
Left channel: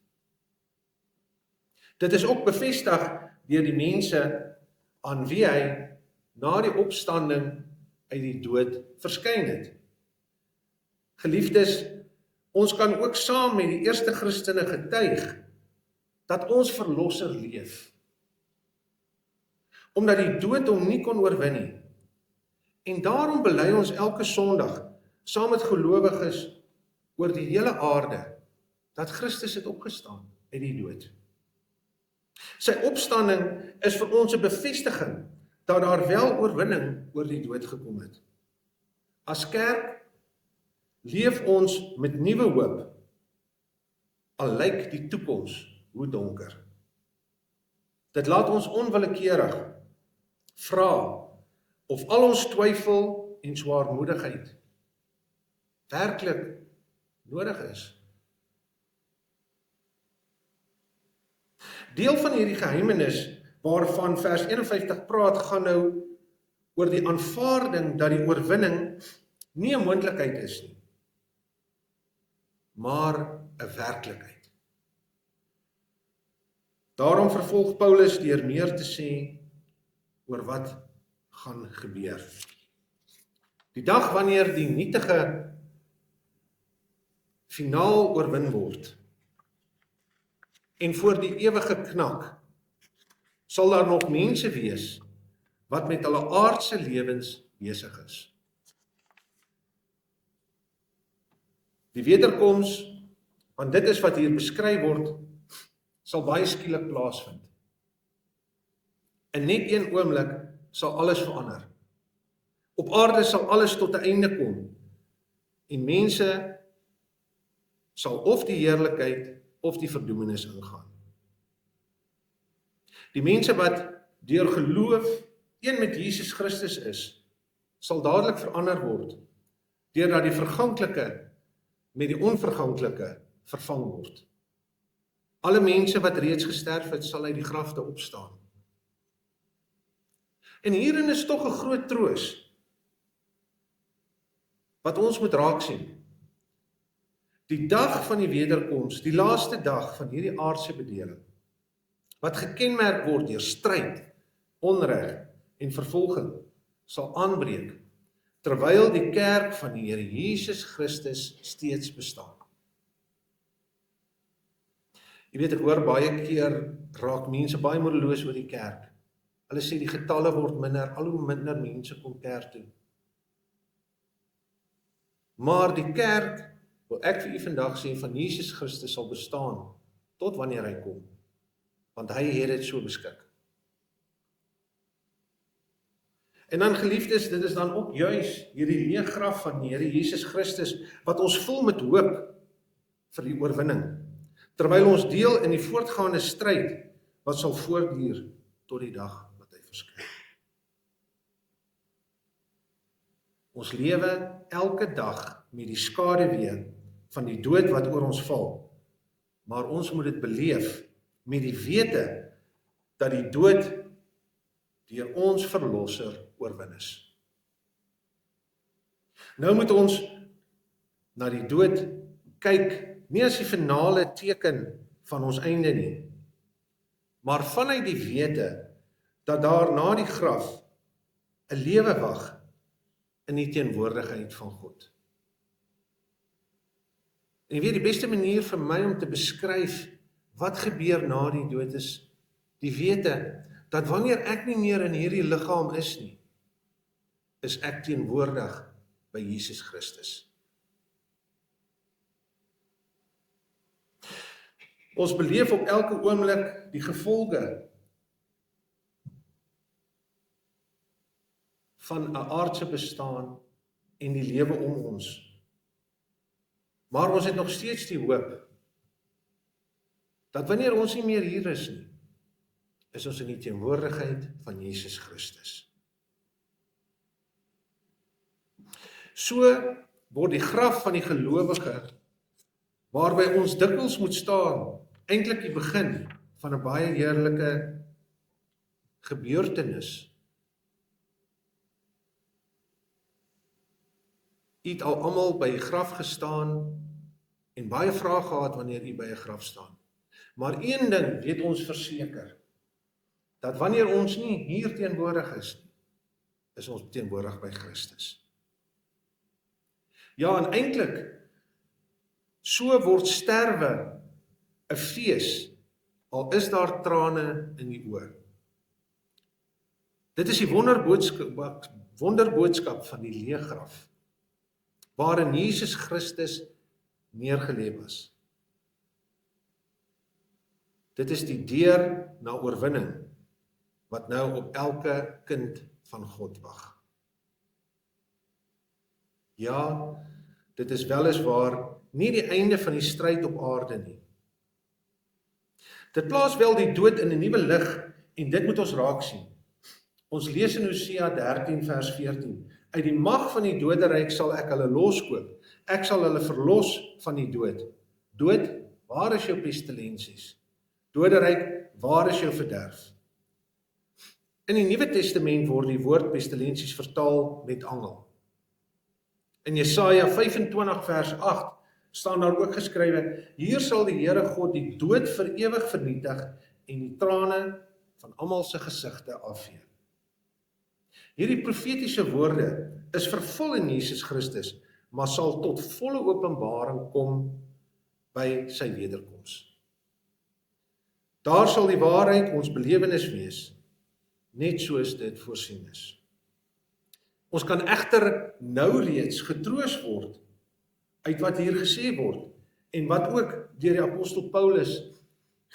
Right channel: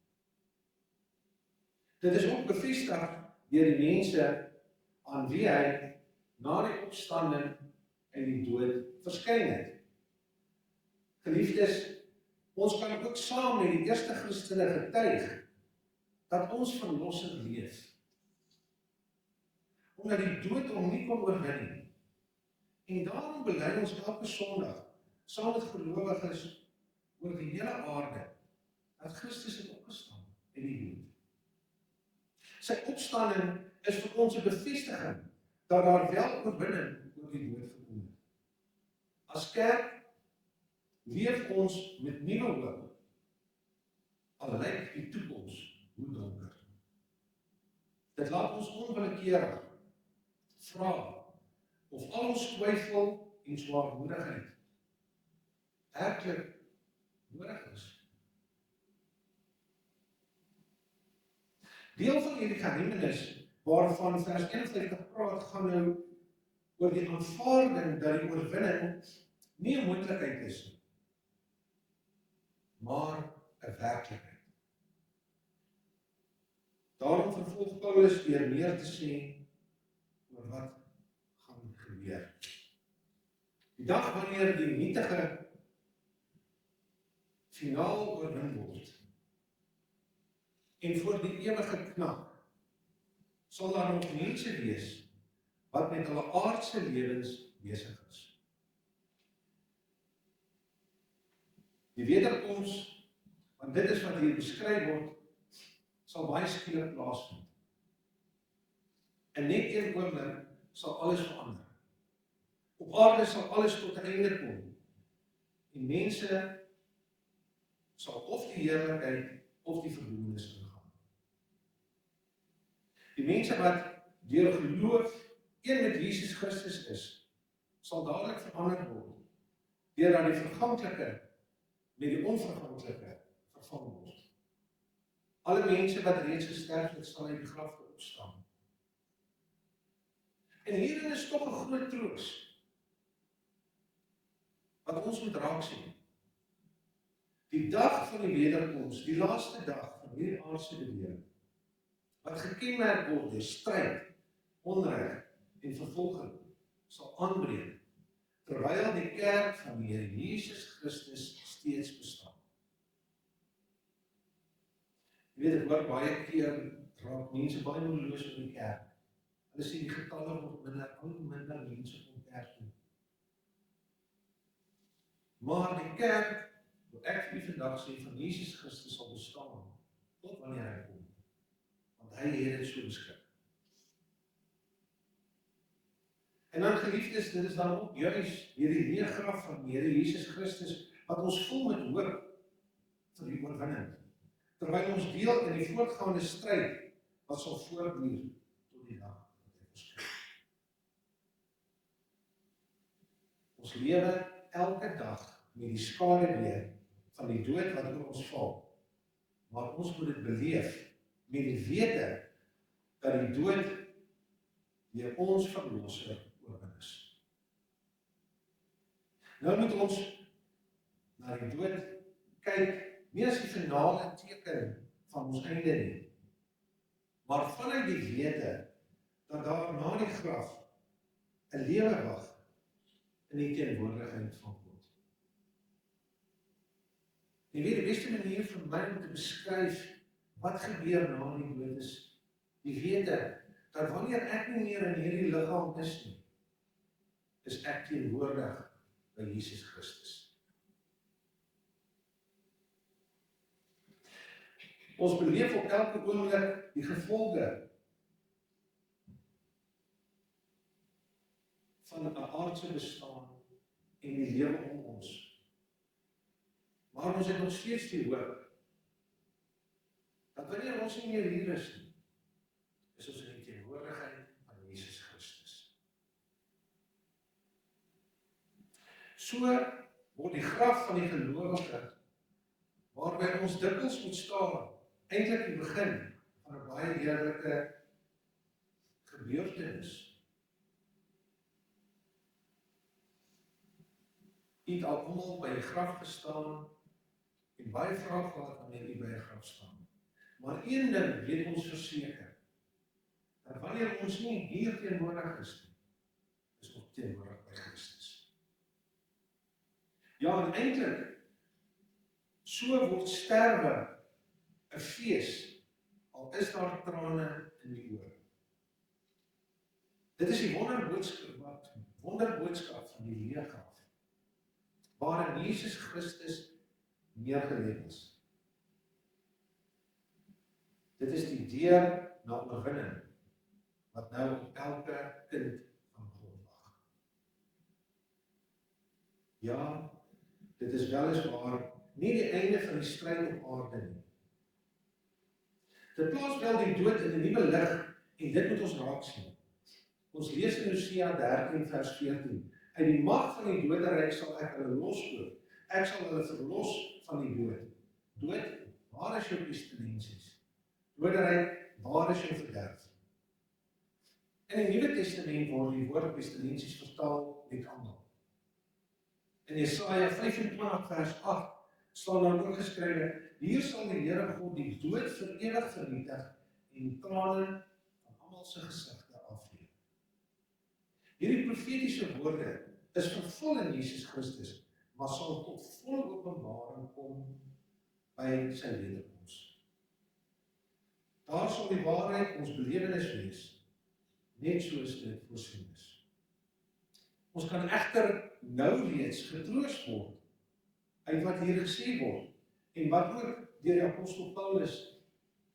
Dit is ook bevestig deur die mense aan wie hy na die opstanding uit die dood verskyn het. Geliefdes, ons kan ook saam met die eerste Christene getuig dat ons verlosser leef, omdat die dood hom nie kon oorwin nie. En daarom bely ons elke Sondag saam met gelowiges oor die hele aarde dat Christus het opgestaan uit die dood. Sy opstanding is vir ons 'n bevestiging dat daar wel oorwinning oor die dood gekom het. As kerk leef ons met nuwe hoop, al lyk die toekoms hoe donker. Dit laat ons onwillekeurig vra of al ons twyfel en swaarmoedigheid werklik nodig is. Deel van hierdie geheimenis waarvan vers 51 praat, gaan nou oor die aanvaarding dat die oorwinning nie 'n moontlikheid is nie, maar 'n werklikheid. Daarom vervolg Paulus deur meer te sê oor wat gaan gebeur. Die dag wanneer die nietige finaal oorwin word en voor die ewige knak, sal daar nog mense wees wat met hulle aardse lewens besig is. Die wederkoms, want dit is wat hier beskryf word, sal baie skielik plaasvind. In net een oomblik sal alles verander. Op aarde sal alles tot 'n einde kom en mense sal of die heerlikheid of die verdoemenis ingaan. Die mense wat deur geloof een met Jesus Christus is, sal dadelik verander word, deurdat die verganklike met die onverganklike vervang word. Alle mense wat reeds gesterf het, sal uit die grafte opstaan. En hierin is tog 'n groot troos, wat ons moet raak sien. Die dag van die wederkoms, die laaste dag van hierdie aardse bedeling, wat gekenmerk word deur stryd, onreg en vervolging, sal aanbreek, terwyl die kerk van die Here Jesus Christus steeds bestaan. Jy weet, ek hoor baie keer raak mense baie moedeloos oor die kerk. Hulle sê die getalle word minder, al hoe minder mense kom kerk toe. Maar die kerk, wil ek vir u vandag sê, van Jesus Christus sal bestaan, tot wanneer hy kom. Want hy het dit so beskik. En dan geliefdes, dit is dan ook juis hierdie leë graf van die Here Jesus Christus, wat ons vul met hoop vir die oorwinning, terwyl ons deel in die voortgaande stryd, wat sal voortduur tot die dag wat hy verskyn. Ons lewe elke dag met die skaduwee van die dood wat oor ons val, maar ons moet dit beleef met die wete dat die dood deur ons verlosser oorwin is. Nou moet ons na die dood kyk, nie as die finale teken van ons einde nie, maar vanuit die wete dat daar na die graf 'n lewe wag in die teenwoordigheid van God. En jy weet, die beste manier vir my om te beskryf wat gebeur na die dood is die wete dat wanneer ek nie meer in hierdie liggaam is nie, is ek teenwoordig by Jesus Christus. Ons beleef op elke oomblik die gevolge van 'n aardse bestaan en die lewe om ons. Maar ons het nog steeds die hoop dat wanneer ons nie meer hier is nie, is ons in die teenwoordigheid van Jesus Christus. So word die graf van die gelowige, waarby ons dikwels moet staan, eintlik die begin van 'n baie heerlike gebeurtenis. U het al almal by die graf gestaan en baie vrae gehad wanneer u by 'n graf staan. Maar een ding weet ons verseker, dat wanneer ons nie hier teenwoordig is nie, is ons teenwoordig by Christus. Ja, en eintlik, so word sterwe 'n fees, al is daar trane in die oë. Dit is die wonderboodskap van die leë graf, waarin Jesus Christus neergelê was. Dit is die deur na oorwinning, wat nou op elke kind van God wag. Ja, dit is weliswaar nie die einde van die stryd op aarde nie. Dit plaas wel die dood in 'n nuwe lig en dit moet ons raak sien. Ons lees in Hosea 13 vers 14. Uit die mag van die doderyk sal ek hulle loskoop. Ek sal hulle verlos van die dood. Dood, waar is jou pestilensies? Doderyk, waar is jou verderf? In die Nuwe Testament word die woord pestilensies vertaal met angel. In Jesaja 25 vers 8 staan daar ook geskrywe, hier sal die Here God die dood vir ewig vernietig en die trane van almal se gesigte afvee. Hierdie profetiese woorde is vervul in Jesus Christus, maar sal tot volle openbaring kom by sy wederkoms. Daar sal die waarheid ons belewenis wees, net soos dit voorsien is. Ons kan egter nou reeds getroos word uit wat hier gesê word en wat ook deur die apostel Paulus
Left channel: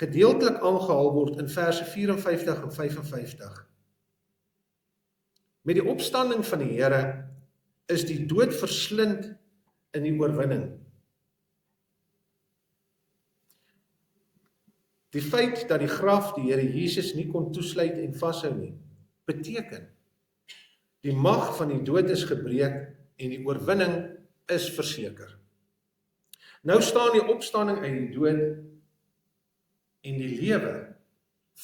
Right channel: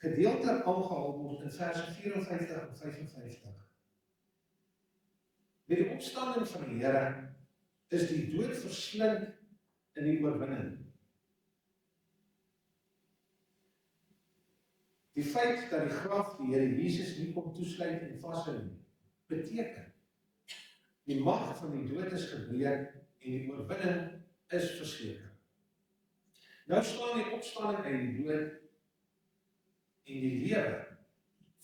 gedeeltelik aangehaal word in verse 54 en 55. Met die opstanding van die Here is die dood verslind in die oorwinning. Die feit dat die graf die Here Jesus nie kon toesluit en vashou nie, beteken die mag van die dood is gebreek en die oorwinning is verseker. Nou staan die opstanding uit die dood en die lewe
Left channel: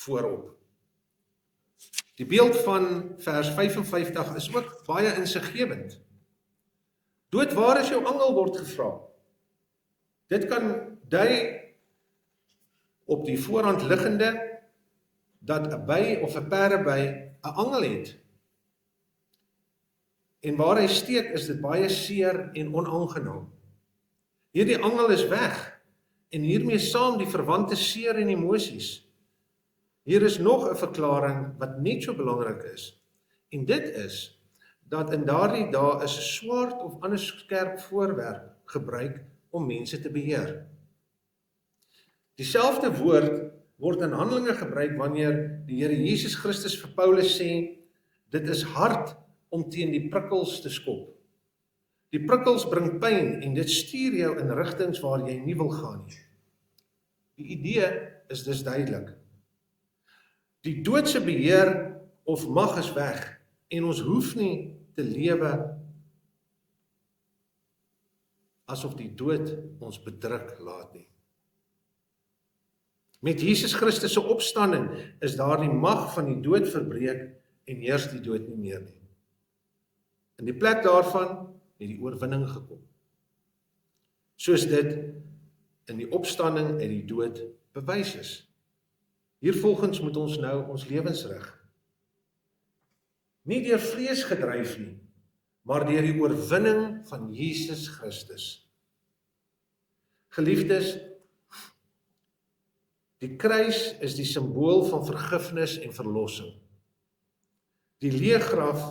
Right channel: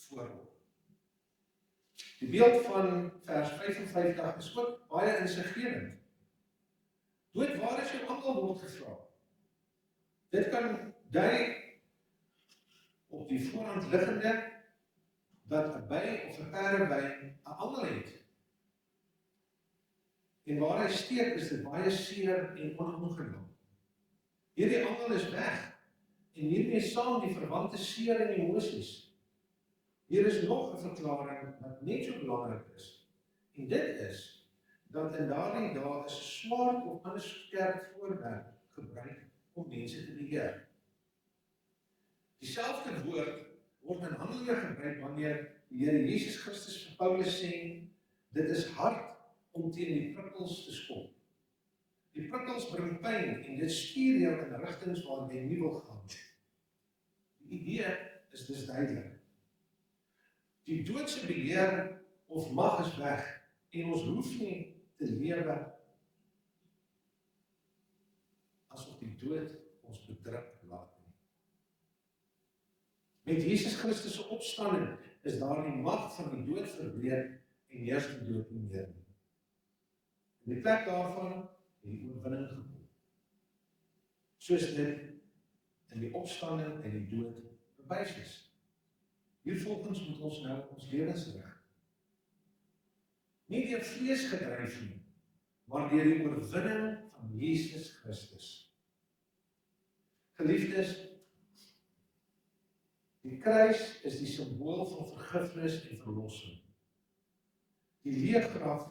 voorop. Die beeld van vers 55 is ook baie insiggewend. Dood, waar is jou angel, word gevra. Dit kan dui op die voorhand liggende dat 'n by of 'n perdeby 'n angel het. En waar hy steek is dit baie seer en onaangenaam. Hierdie angel is weg en hiermee saam die verwante seer en emosies. Hier is nog 'n verklaring wat net so belangrik is. En dit is dat in daardie dae is 'n swaard of ander skerp voorwerp gebruik om mense te beheer. Dieselfde woord word in Handelinge gebruik wanneer die Here Jesus Christus vir Paulus sê, dit is hard om teen die prikkels te skop. Die prikkels bring pyn en dit stuur jou in rigtings waar jy nie wil gaan nie. Die idee is dus duidelik. Die doodse beheer of mag is weg en ons hoef nie te lewe asof die dood ons bedruk laat nie. Met Jesus Christus se opstanding is daar die mag van die dood verbreek en heers die dood nie meer nie. In die plek daarvan het die oorwinning gekom. Soos dit in die opstanding uit die dood bewys is. Hiervolgens moet ons nou ons lewens rig. Nie deur vlees gedryf nie, maar deur die oorwinning van Jesus Christus. Geliefdes, die kruis is die simbool van vergifnis en verlossing. Die leë graf,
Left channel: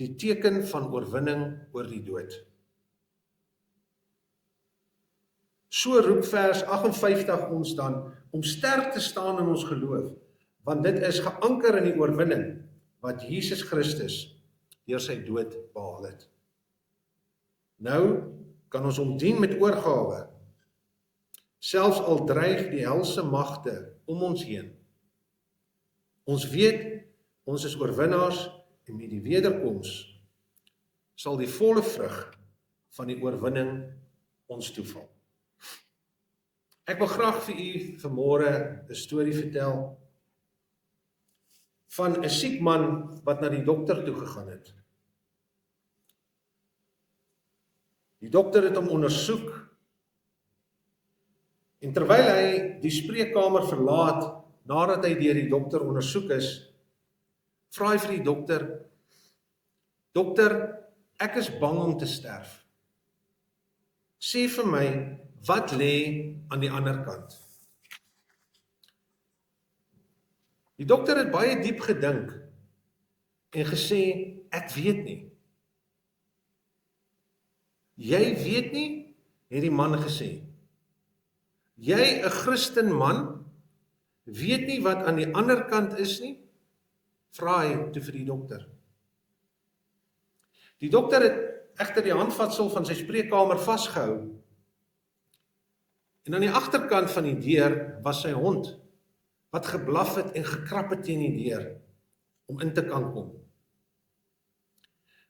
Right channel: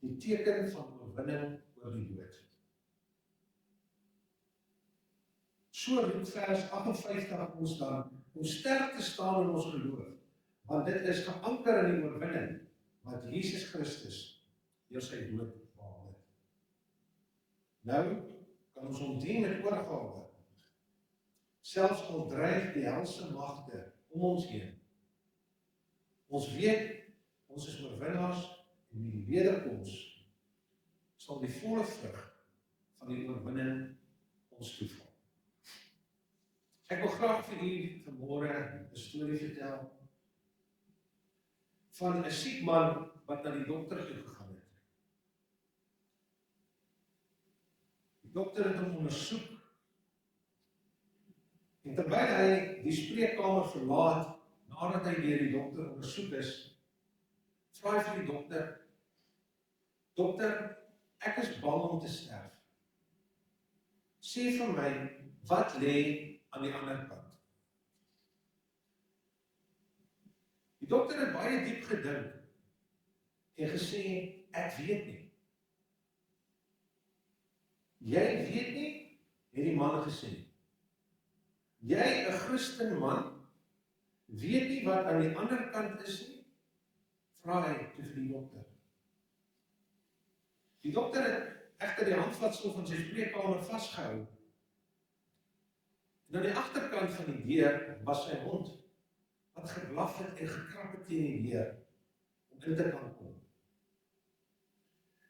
die teken van oorwinning oor die dood. So roep vers 58 ons dan om sterk te staan in ons geloof, want dit is geanker in die oorwinning wat Jesus Christus deur sy dood behaal het. Nou kan ons hom dien met oorgawe, selfs al dreig die helse magte om ons heen. Ons weet, ons is oorwinnaars en met die wederkoms sal die volle vrug van die oorwinning ons toeval. Ek wil graag vir u vanmôre 'n storie vertel van 'n siek man wat na die dokter toe gegaan het. Die dokter het hom ondersoek en terwyl hy die spreekkamer verlaat nadat hy deur die dokter ondersoek is, vra hy vir die dokter, dokter, ek is bang om te sterf. Sê vir my, wat lê aan die ander kant? Die dokter het baie diep gedink en gesê, ek weet nie. Jy weet nie, het die man gesê. Jy, 'n Christen man, weet nie wat aan die ander kant is nie? vra hy toe vir die dokter. Die dokter het egter die handvatsel van sy spreekkamer vasgehou. En aan die agterkant van die deur was sy hond, wat geblaf het en gekrap het teen die deur, om in te kan kom.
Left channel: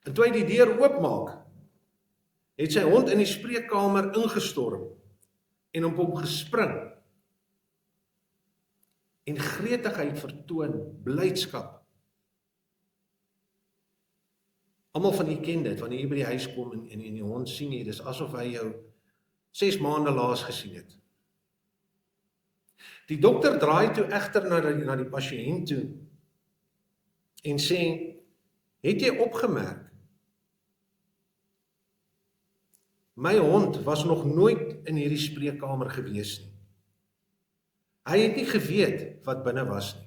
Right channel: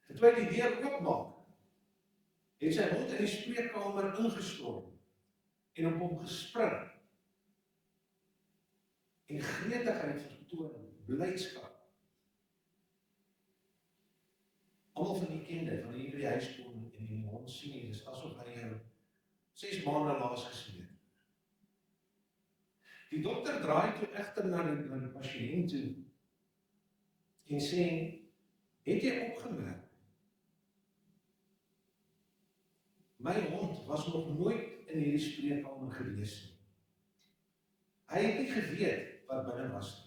En toe hy die deur oopmaak, het sy hond in die spreekkamer ingestorm, en op hom gespring, en gretigheid vertoon, blydskap. Almal van u ken dit, wanneer jy by die huis kom en die hond sien jy, dis asof hy jou 6 maande laas gesien het. Die dokter draai toe egter na die pasiënt toe en sê, het jy opgemerk, my hond was nog nooit in hierdie spreekkamer gewees nie. Hy het nie geweet wat binne was nie.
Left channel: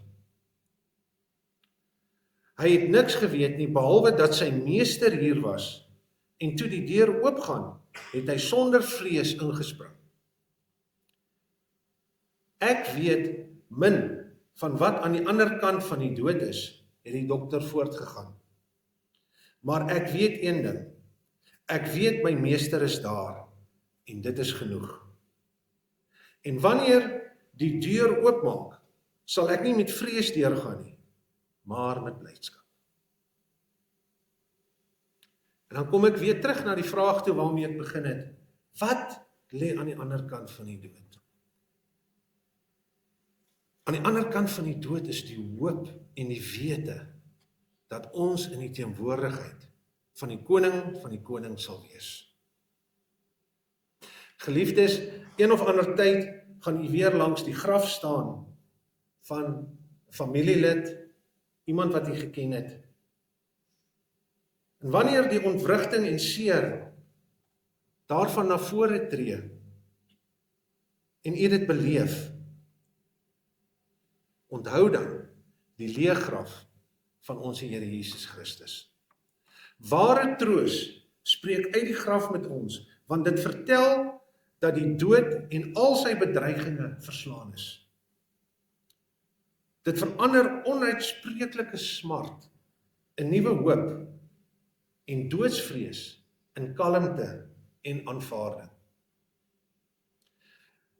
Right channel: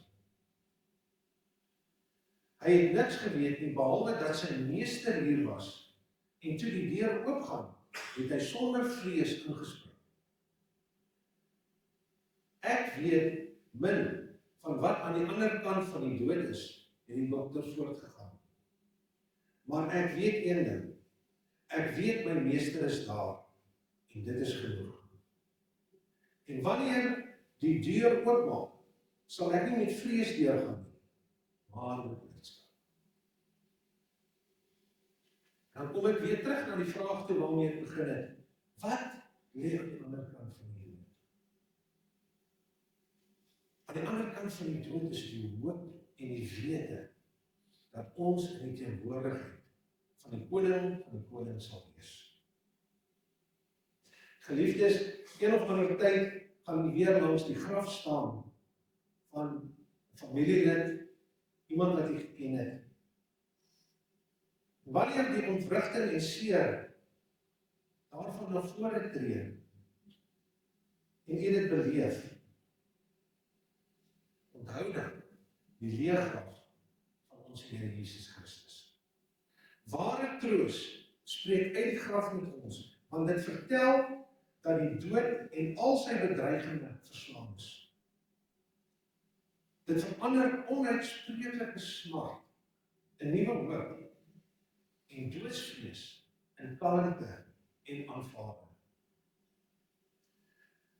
Hy het niks geweet nie, behalwe dat sy meester hier was, en toe die deur oopgaan, het hy sonder vrees ingespring. Ek weet min van wat aan die ander kant van die dood is, het die dokter voortgegaan. Maar ek weet een ding, ek weet my meester is daar, en dit is genoeg. En wanneer die deur oopmaak, sal ek nie met vrees deurgaan nie, maar met blydskap. En dan kom ek weer terug na die vraag toe waarmee ek begin het. Wat lê aan die ander kant van die dood? Aan die ander kant van die dood is die hoop en die wete dat ons in die teenwoordigheid van die koning sal wees. Geliefdes, een of ander tyd gaan u weer langs die graf staan van familielid, iemand wat u geken het. En wanneer die ontwrigting en seer daarvan na vore tree en u dit beleef, onthou dan die leë graf van ons Here Jesus Christus. Ware troos spreek uit die graf met ons, want dit vertel dat die dood en al sy bedreigings verslaan is. Dit verander onuitspreeklike smart in nuwe hoop en doodsvrees in kalmte en aanvaarding.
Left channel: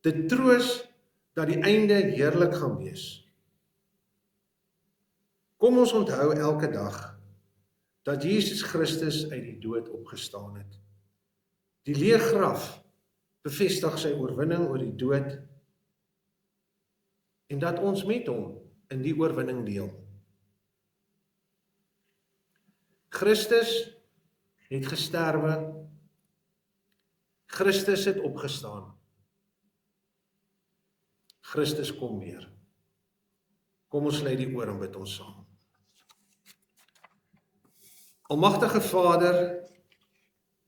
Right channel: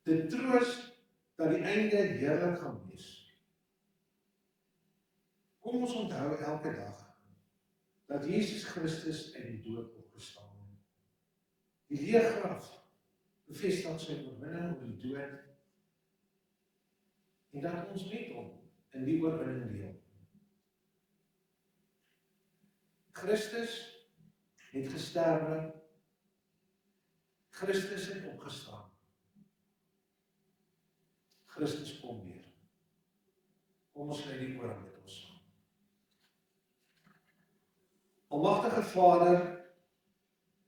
Dit troos dat die einde heerlik gaan wees. Kom ons onthou elke dag dat Jesus Christus uit die dood opgestaan het. Die leë graf bevestig sy oorwinning oor die dood en dat ons met hom in die oorwinning deel. Christus het gesterwe, Christus het opgestaan, Christus kom weer. Kom ons sluit die oor en bid ons saam. Almagtige Vader,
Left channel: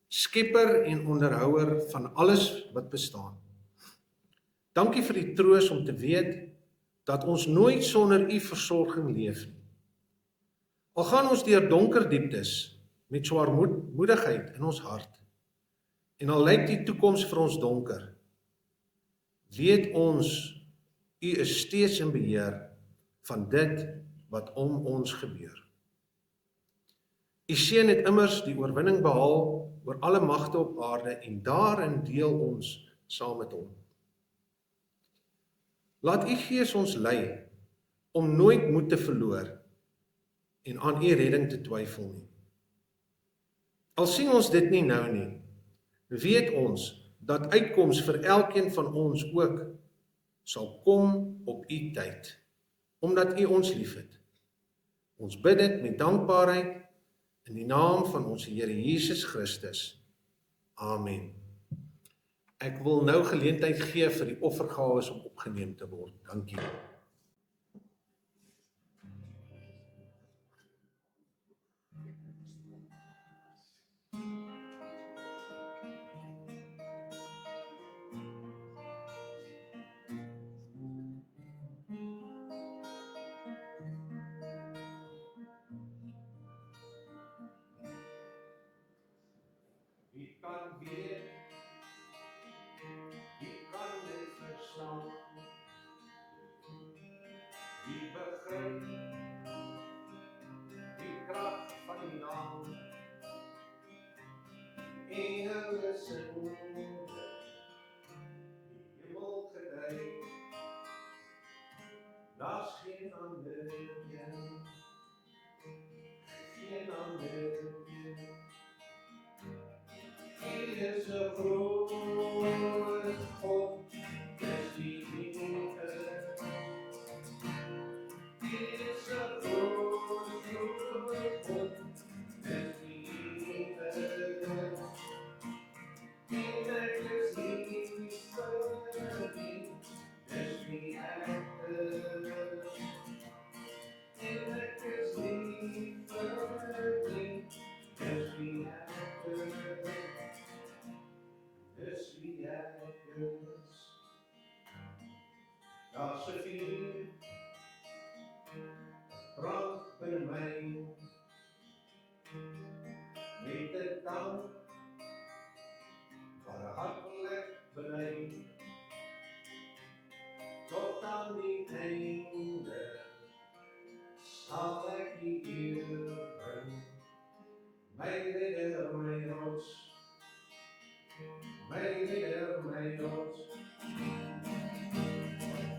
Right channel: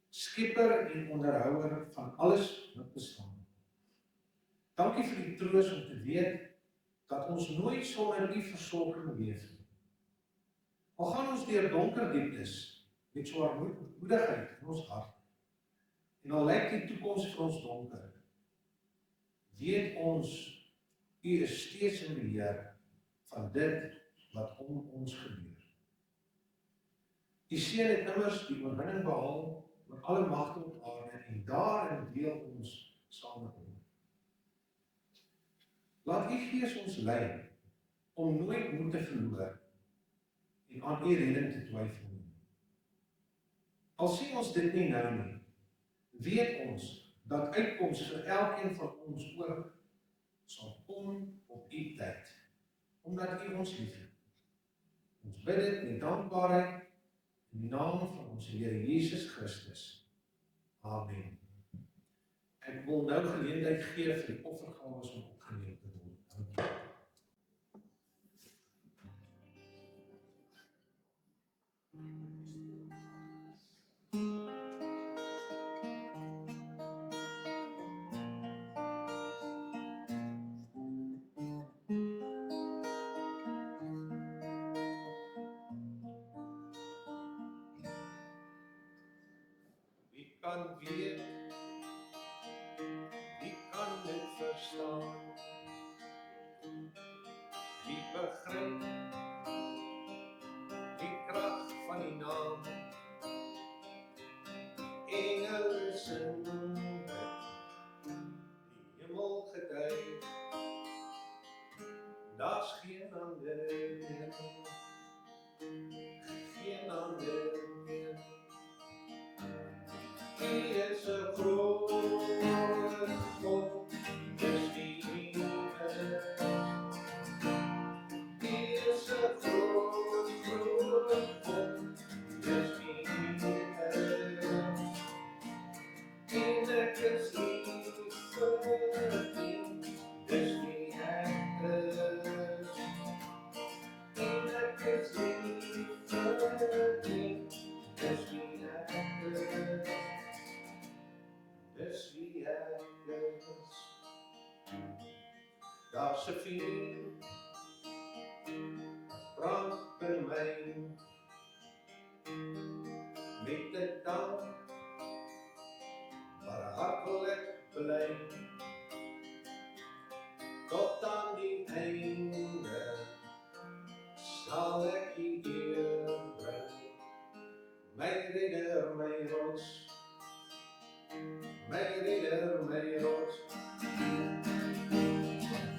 Skepper en onderhouer van alles wat bestaan. Dankie vir die troos om te weet dat ons nooit sonder u versorging leef nie. Al gaan ons deur donker dieptes met swaarmoedigheid in ons hart en al lyk die toekoms vir ons donker, weet ons u is steeds in beheer van dit wat om ons gebeur. U seun het immers die oorwinning behaal oor alle magte op aarde en daarin deel ons saam met hom. Laat u Gees ons lei om nooit moed te verloor en aan u redding te twyfel nie. Al sien ons dit nie nou nie, weet ons dat uitkoms vir elkeen van ons ook sal kom op u tyd, omdat u ons liefhet. Ons bid dit met dankbaarheid in die naam van ons Here Jesus Christus. Amen. Ek wil nou geleentheid gee vir die offergawes om opgeneem te word. Dankie. Wie kan weet, wie kan dit verstaan, wie begryp geen ander meer, geen ander meer. Hy is 'n groot God, dis wie hy is. Hy is 'n groot God, dis wie hy is. En ek is lief vir hom, dis wie ek is. En ek is lief vir hom, dis wie ek is. Dis wie ek is. Daar's 'n vuur, brand by my, met 'n tang, maar 'n hart wil ek bely, tot aan die einde, sal ek die eer bring, my redder, my rots, my redder, my rots.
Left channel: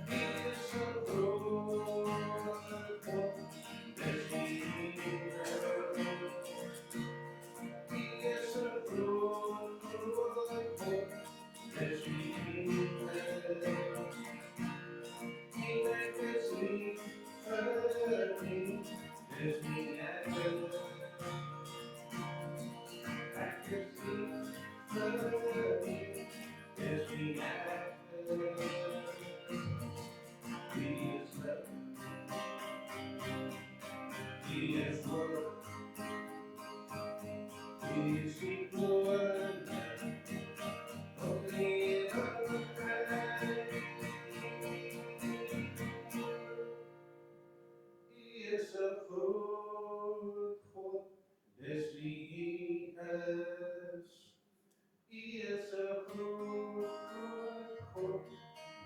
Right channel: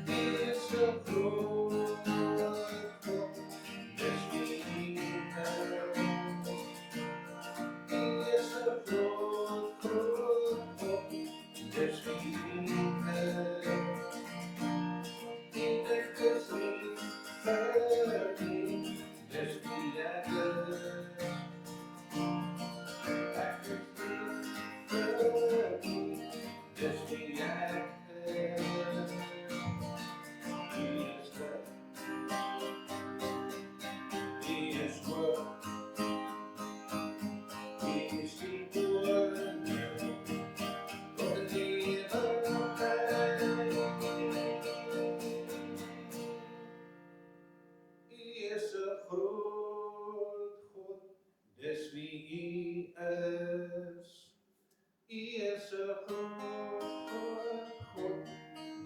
Hy is 'n groot God, dis wie hy is. Hy is 'n groot God, dis wie hy is. En ek is lief vir hom, dis wie ek is. Ek is lief vir hom, dis wie ek is. He is good, he is good, he is die wonder, tot het ewigheid. Hy is 'n groot God, dis wie hy is. Hy is 'n groot God,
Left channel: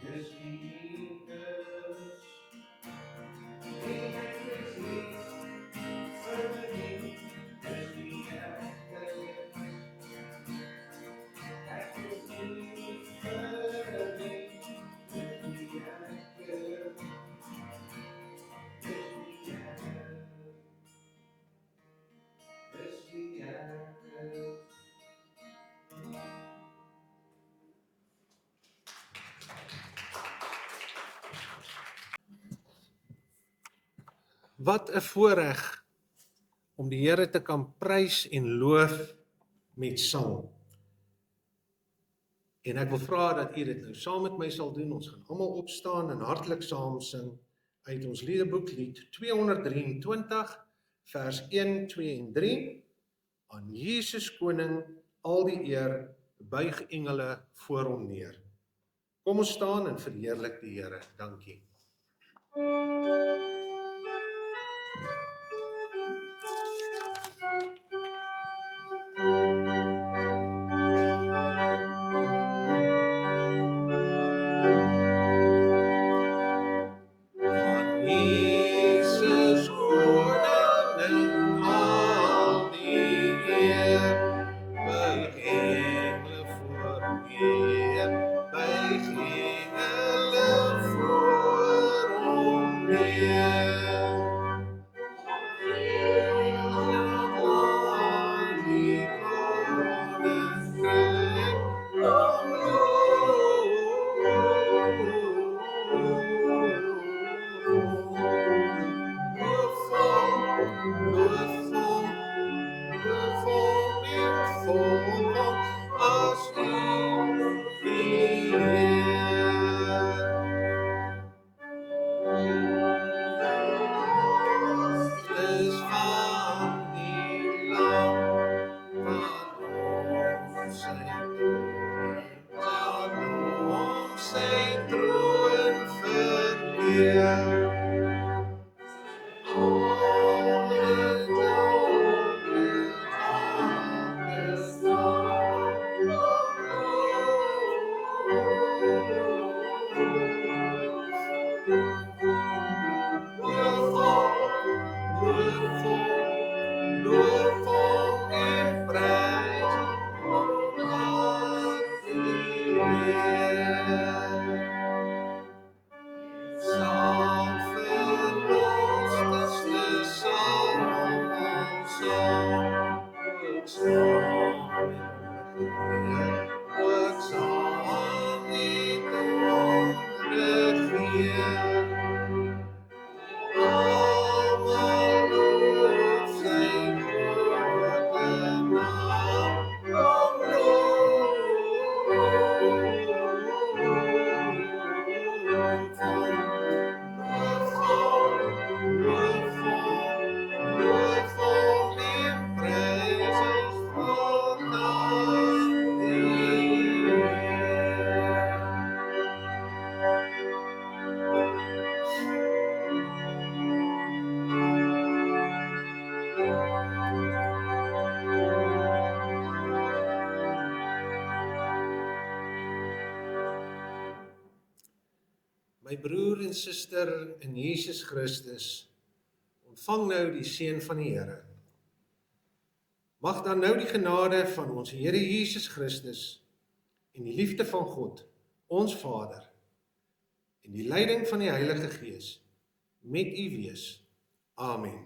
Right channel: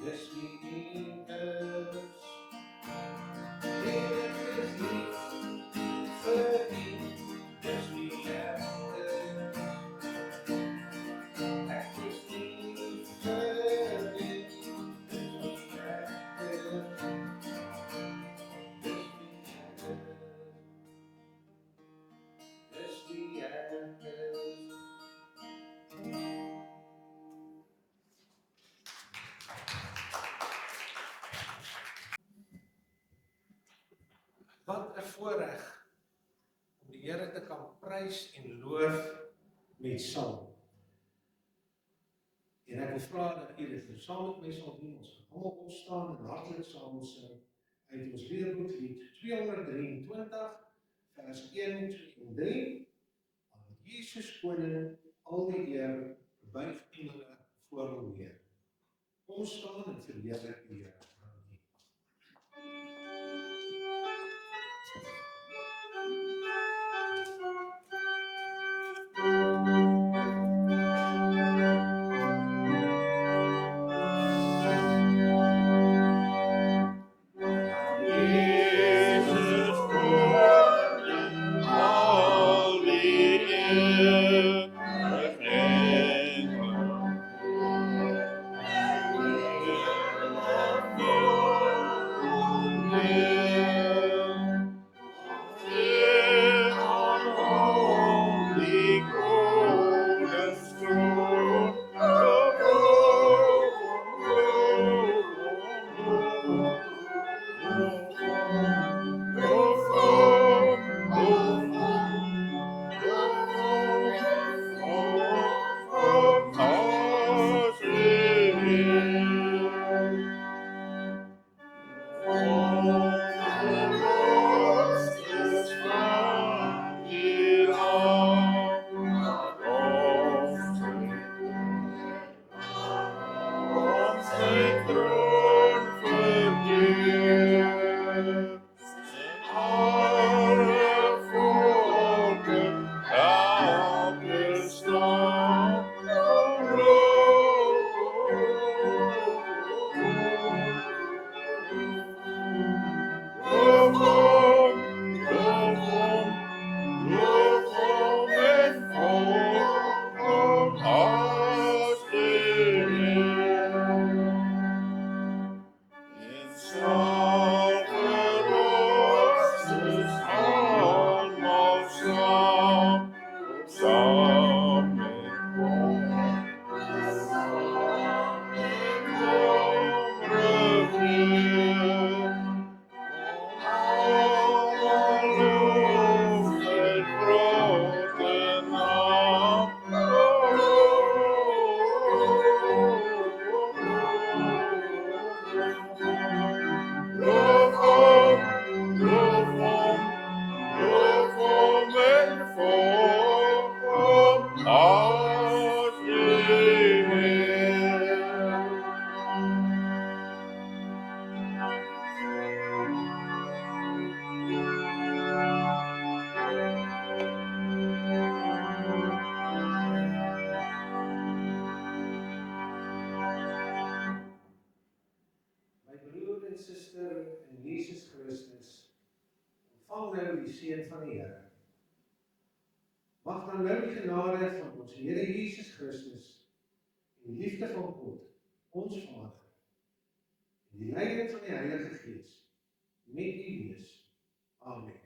dis wie hy is. En ek is lief vir hom, dis wie ek is. Ek is lief vir hom, dis wie ek is. Dis wie ek is. Dis wie ek is. Wat 'n voorreg om die Here te kan prys en loof met sang. En ek wil vra dat u dit nou saam met my sal doen. Ons gaan almal opstaan en hartlik saam sing uit ons liedeboek lied 223 vers 1, 2 en 3. Aan Jesus koning al die eer, buig engele voor hom neer. Kom ons staan en verheerlik die Here. Dankie. Jesus koning al die eer, buig engele voor hom neer. My broer en suster in Jesus Christus, ontvang nou die seën van die Here. Mag dan nou die genade van ons Here Jesus Christus en die liefde van God, ons Vader, en die leiding van die Heilige Gees met u wees. Amen.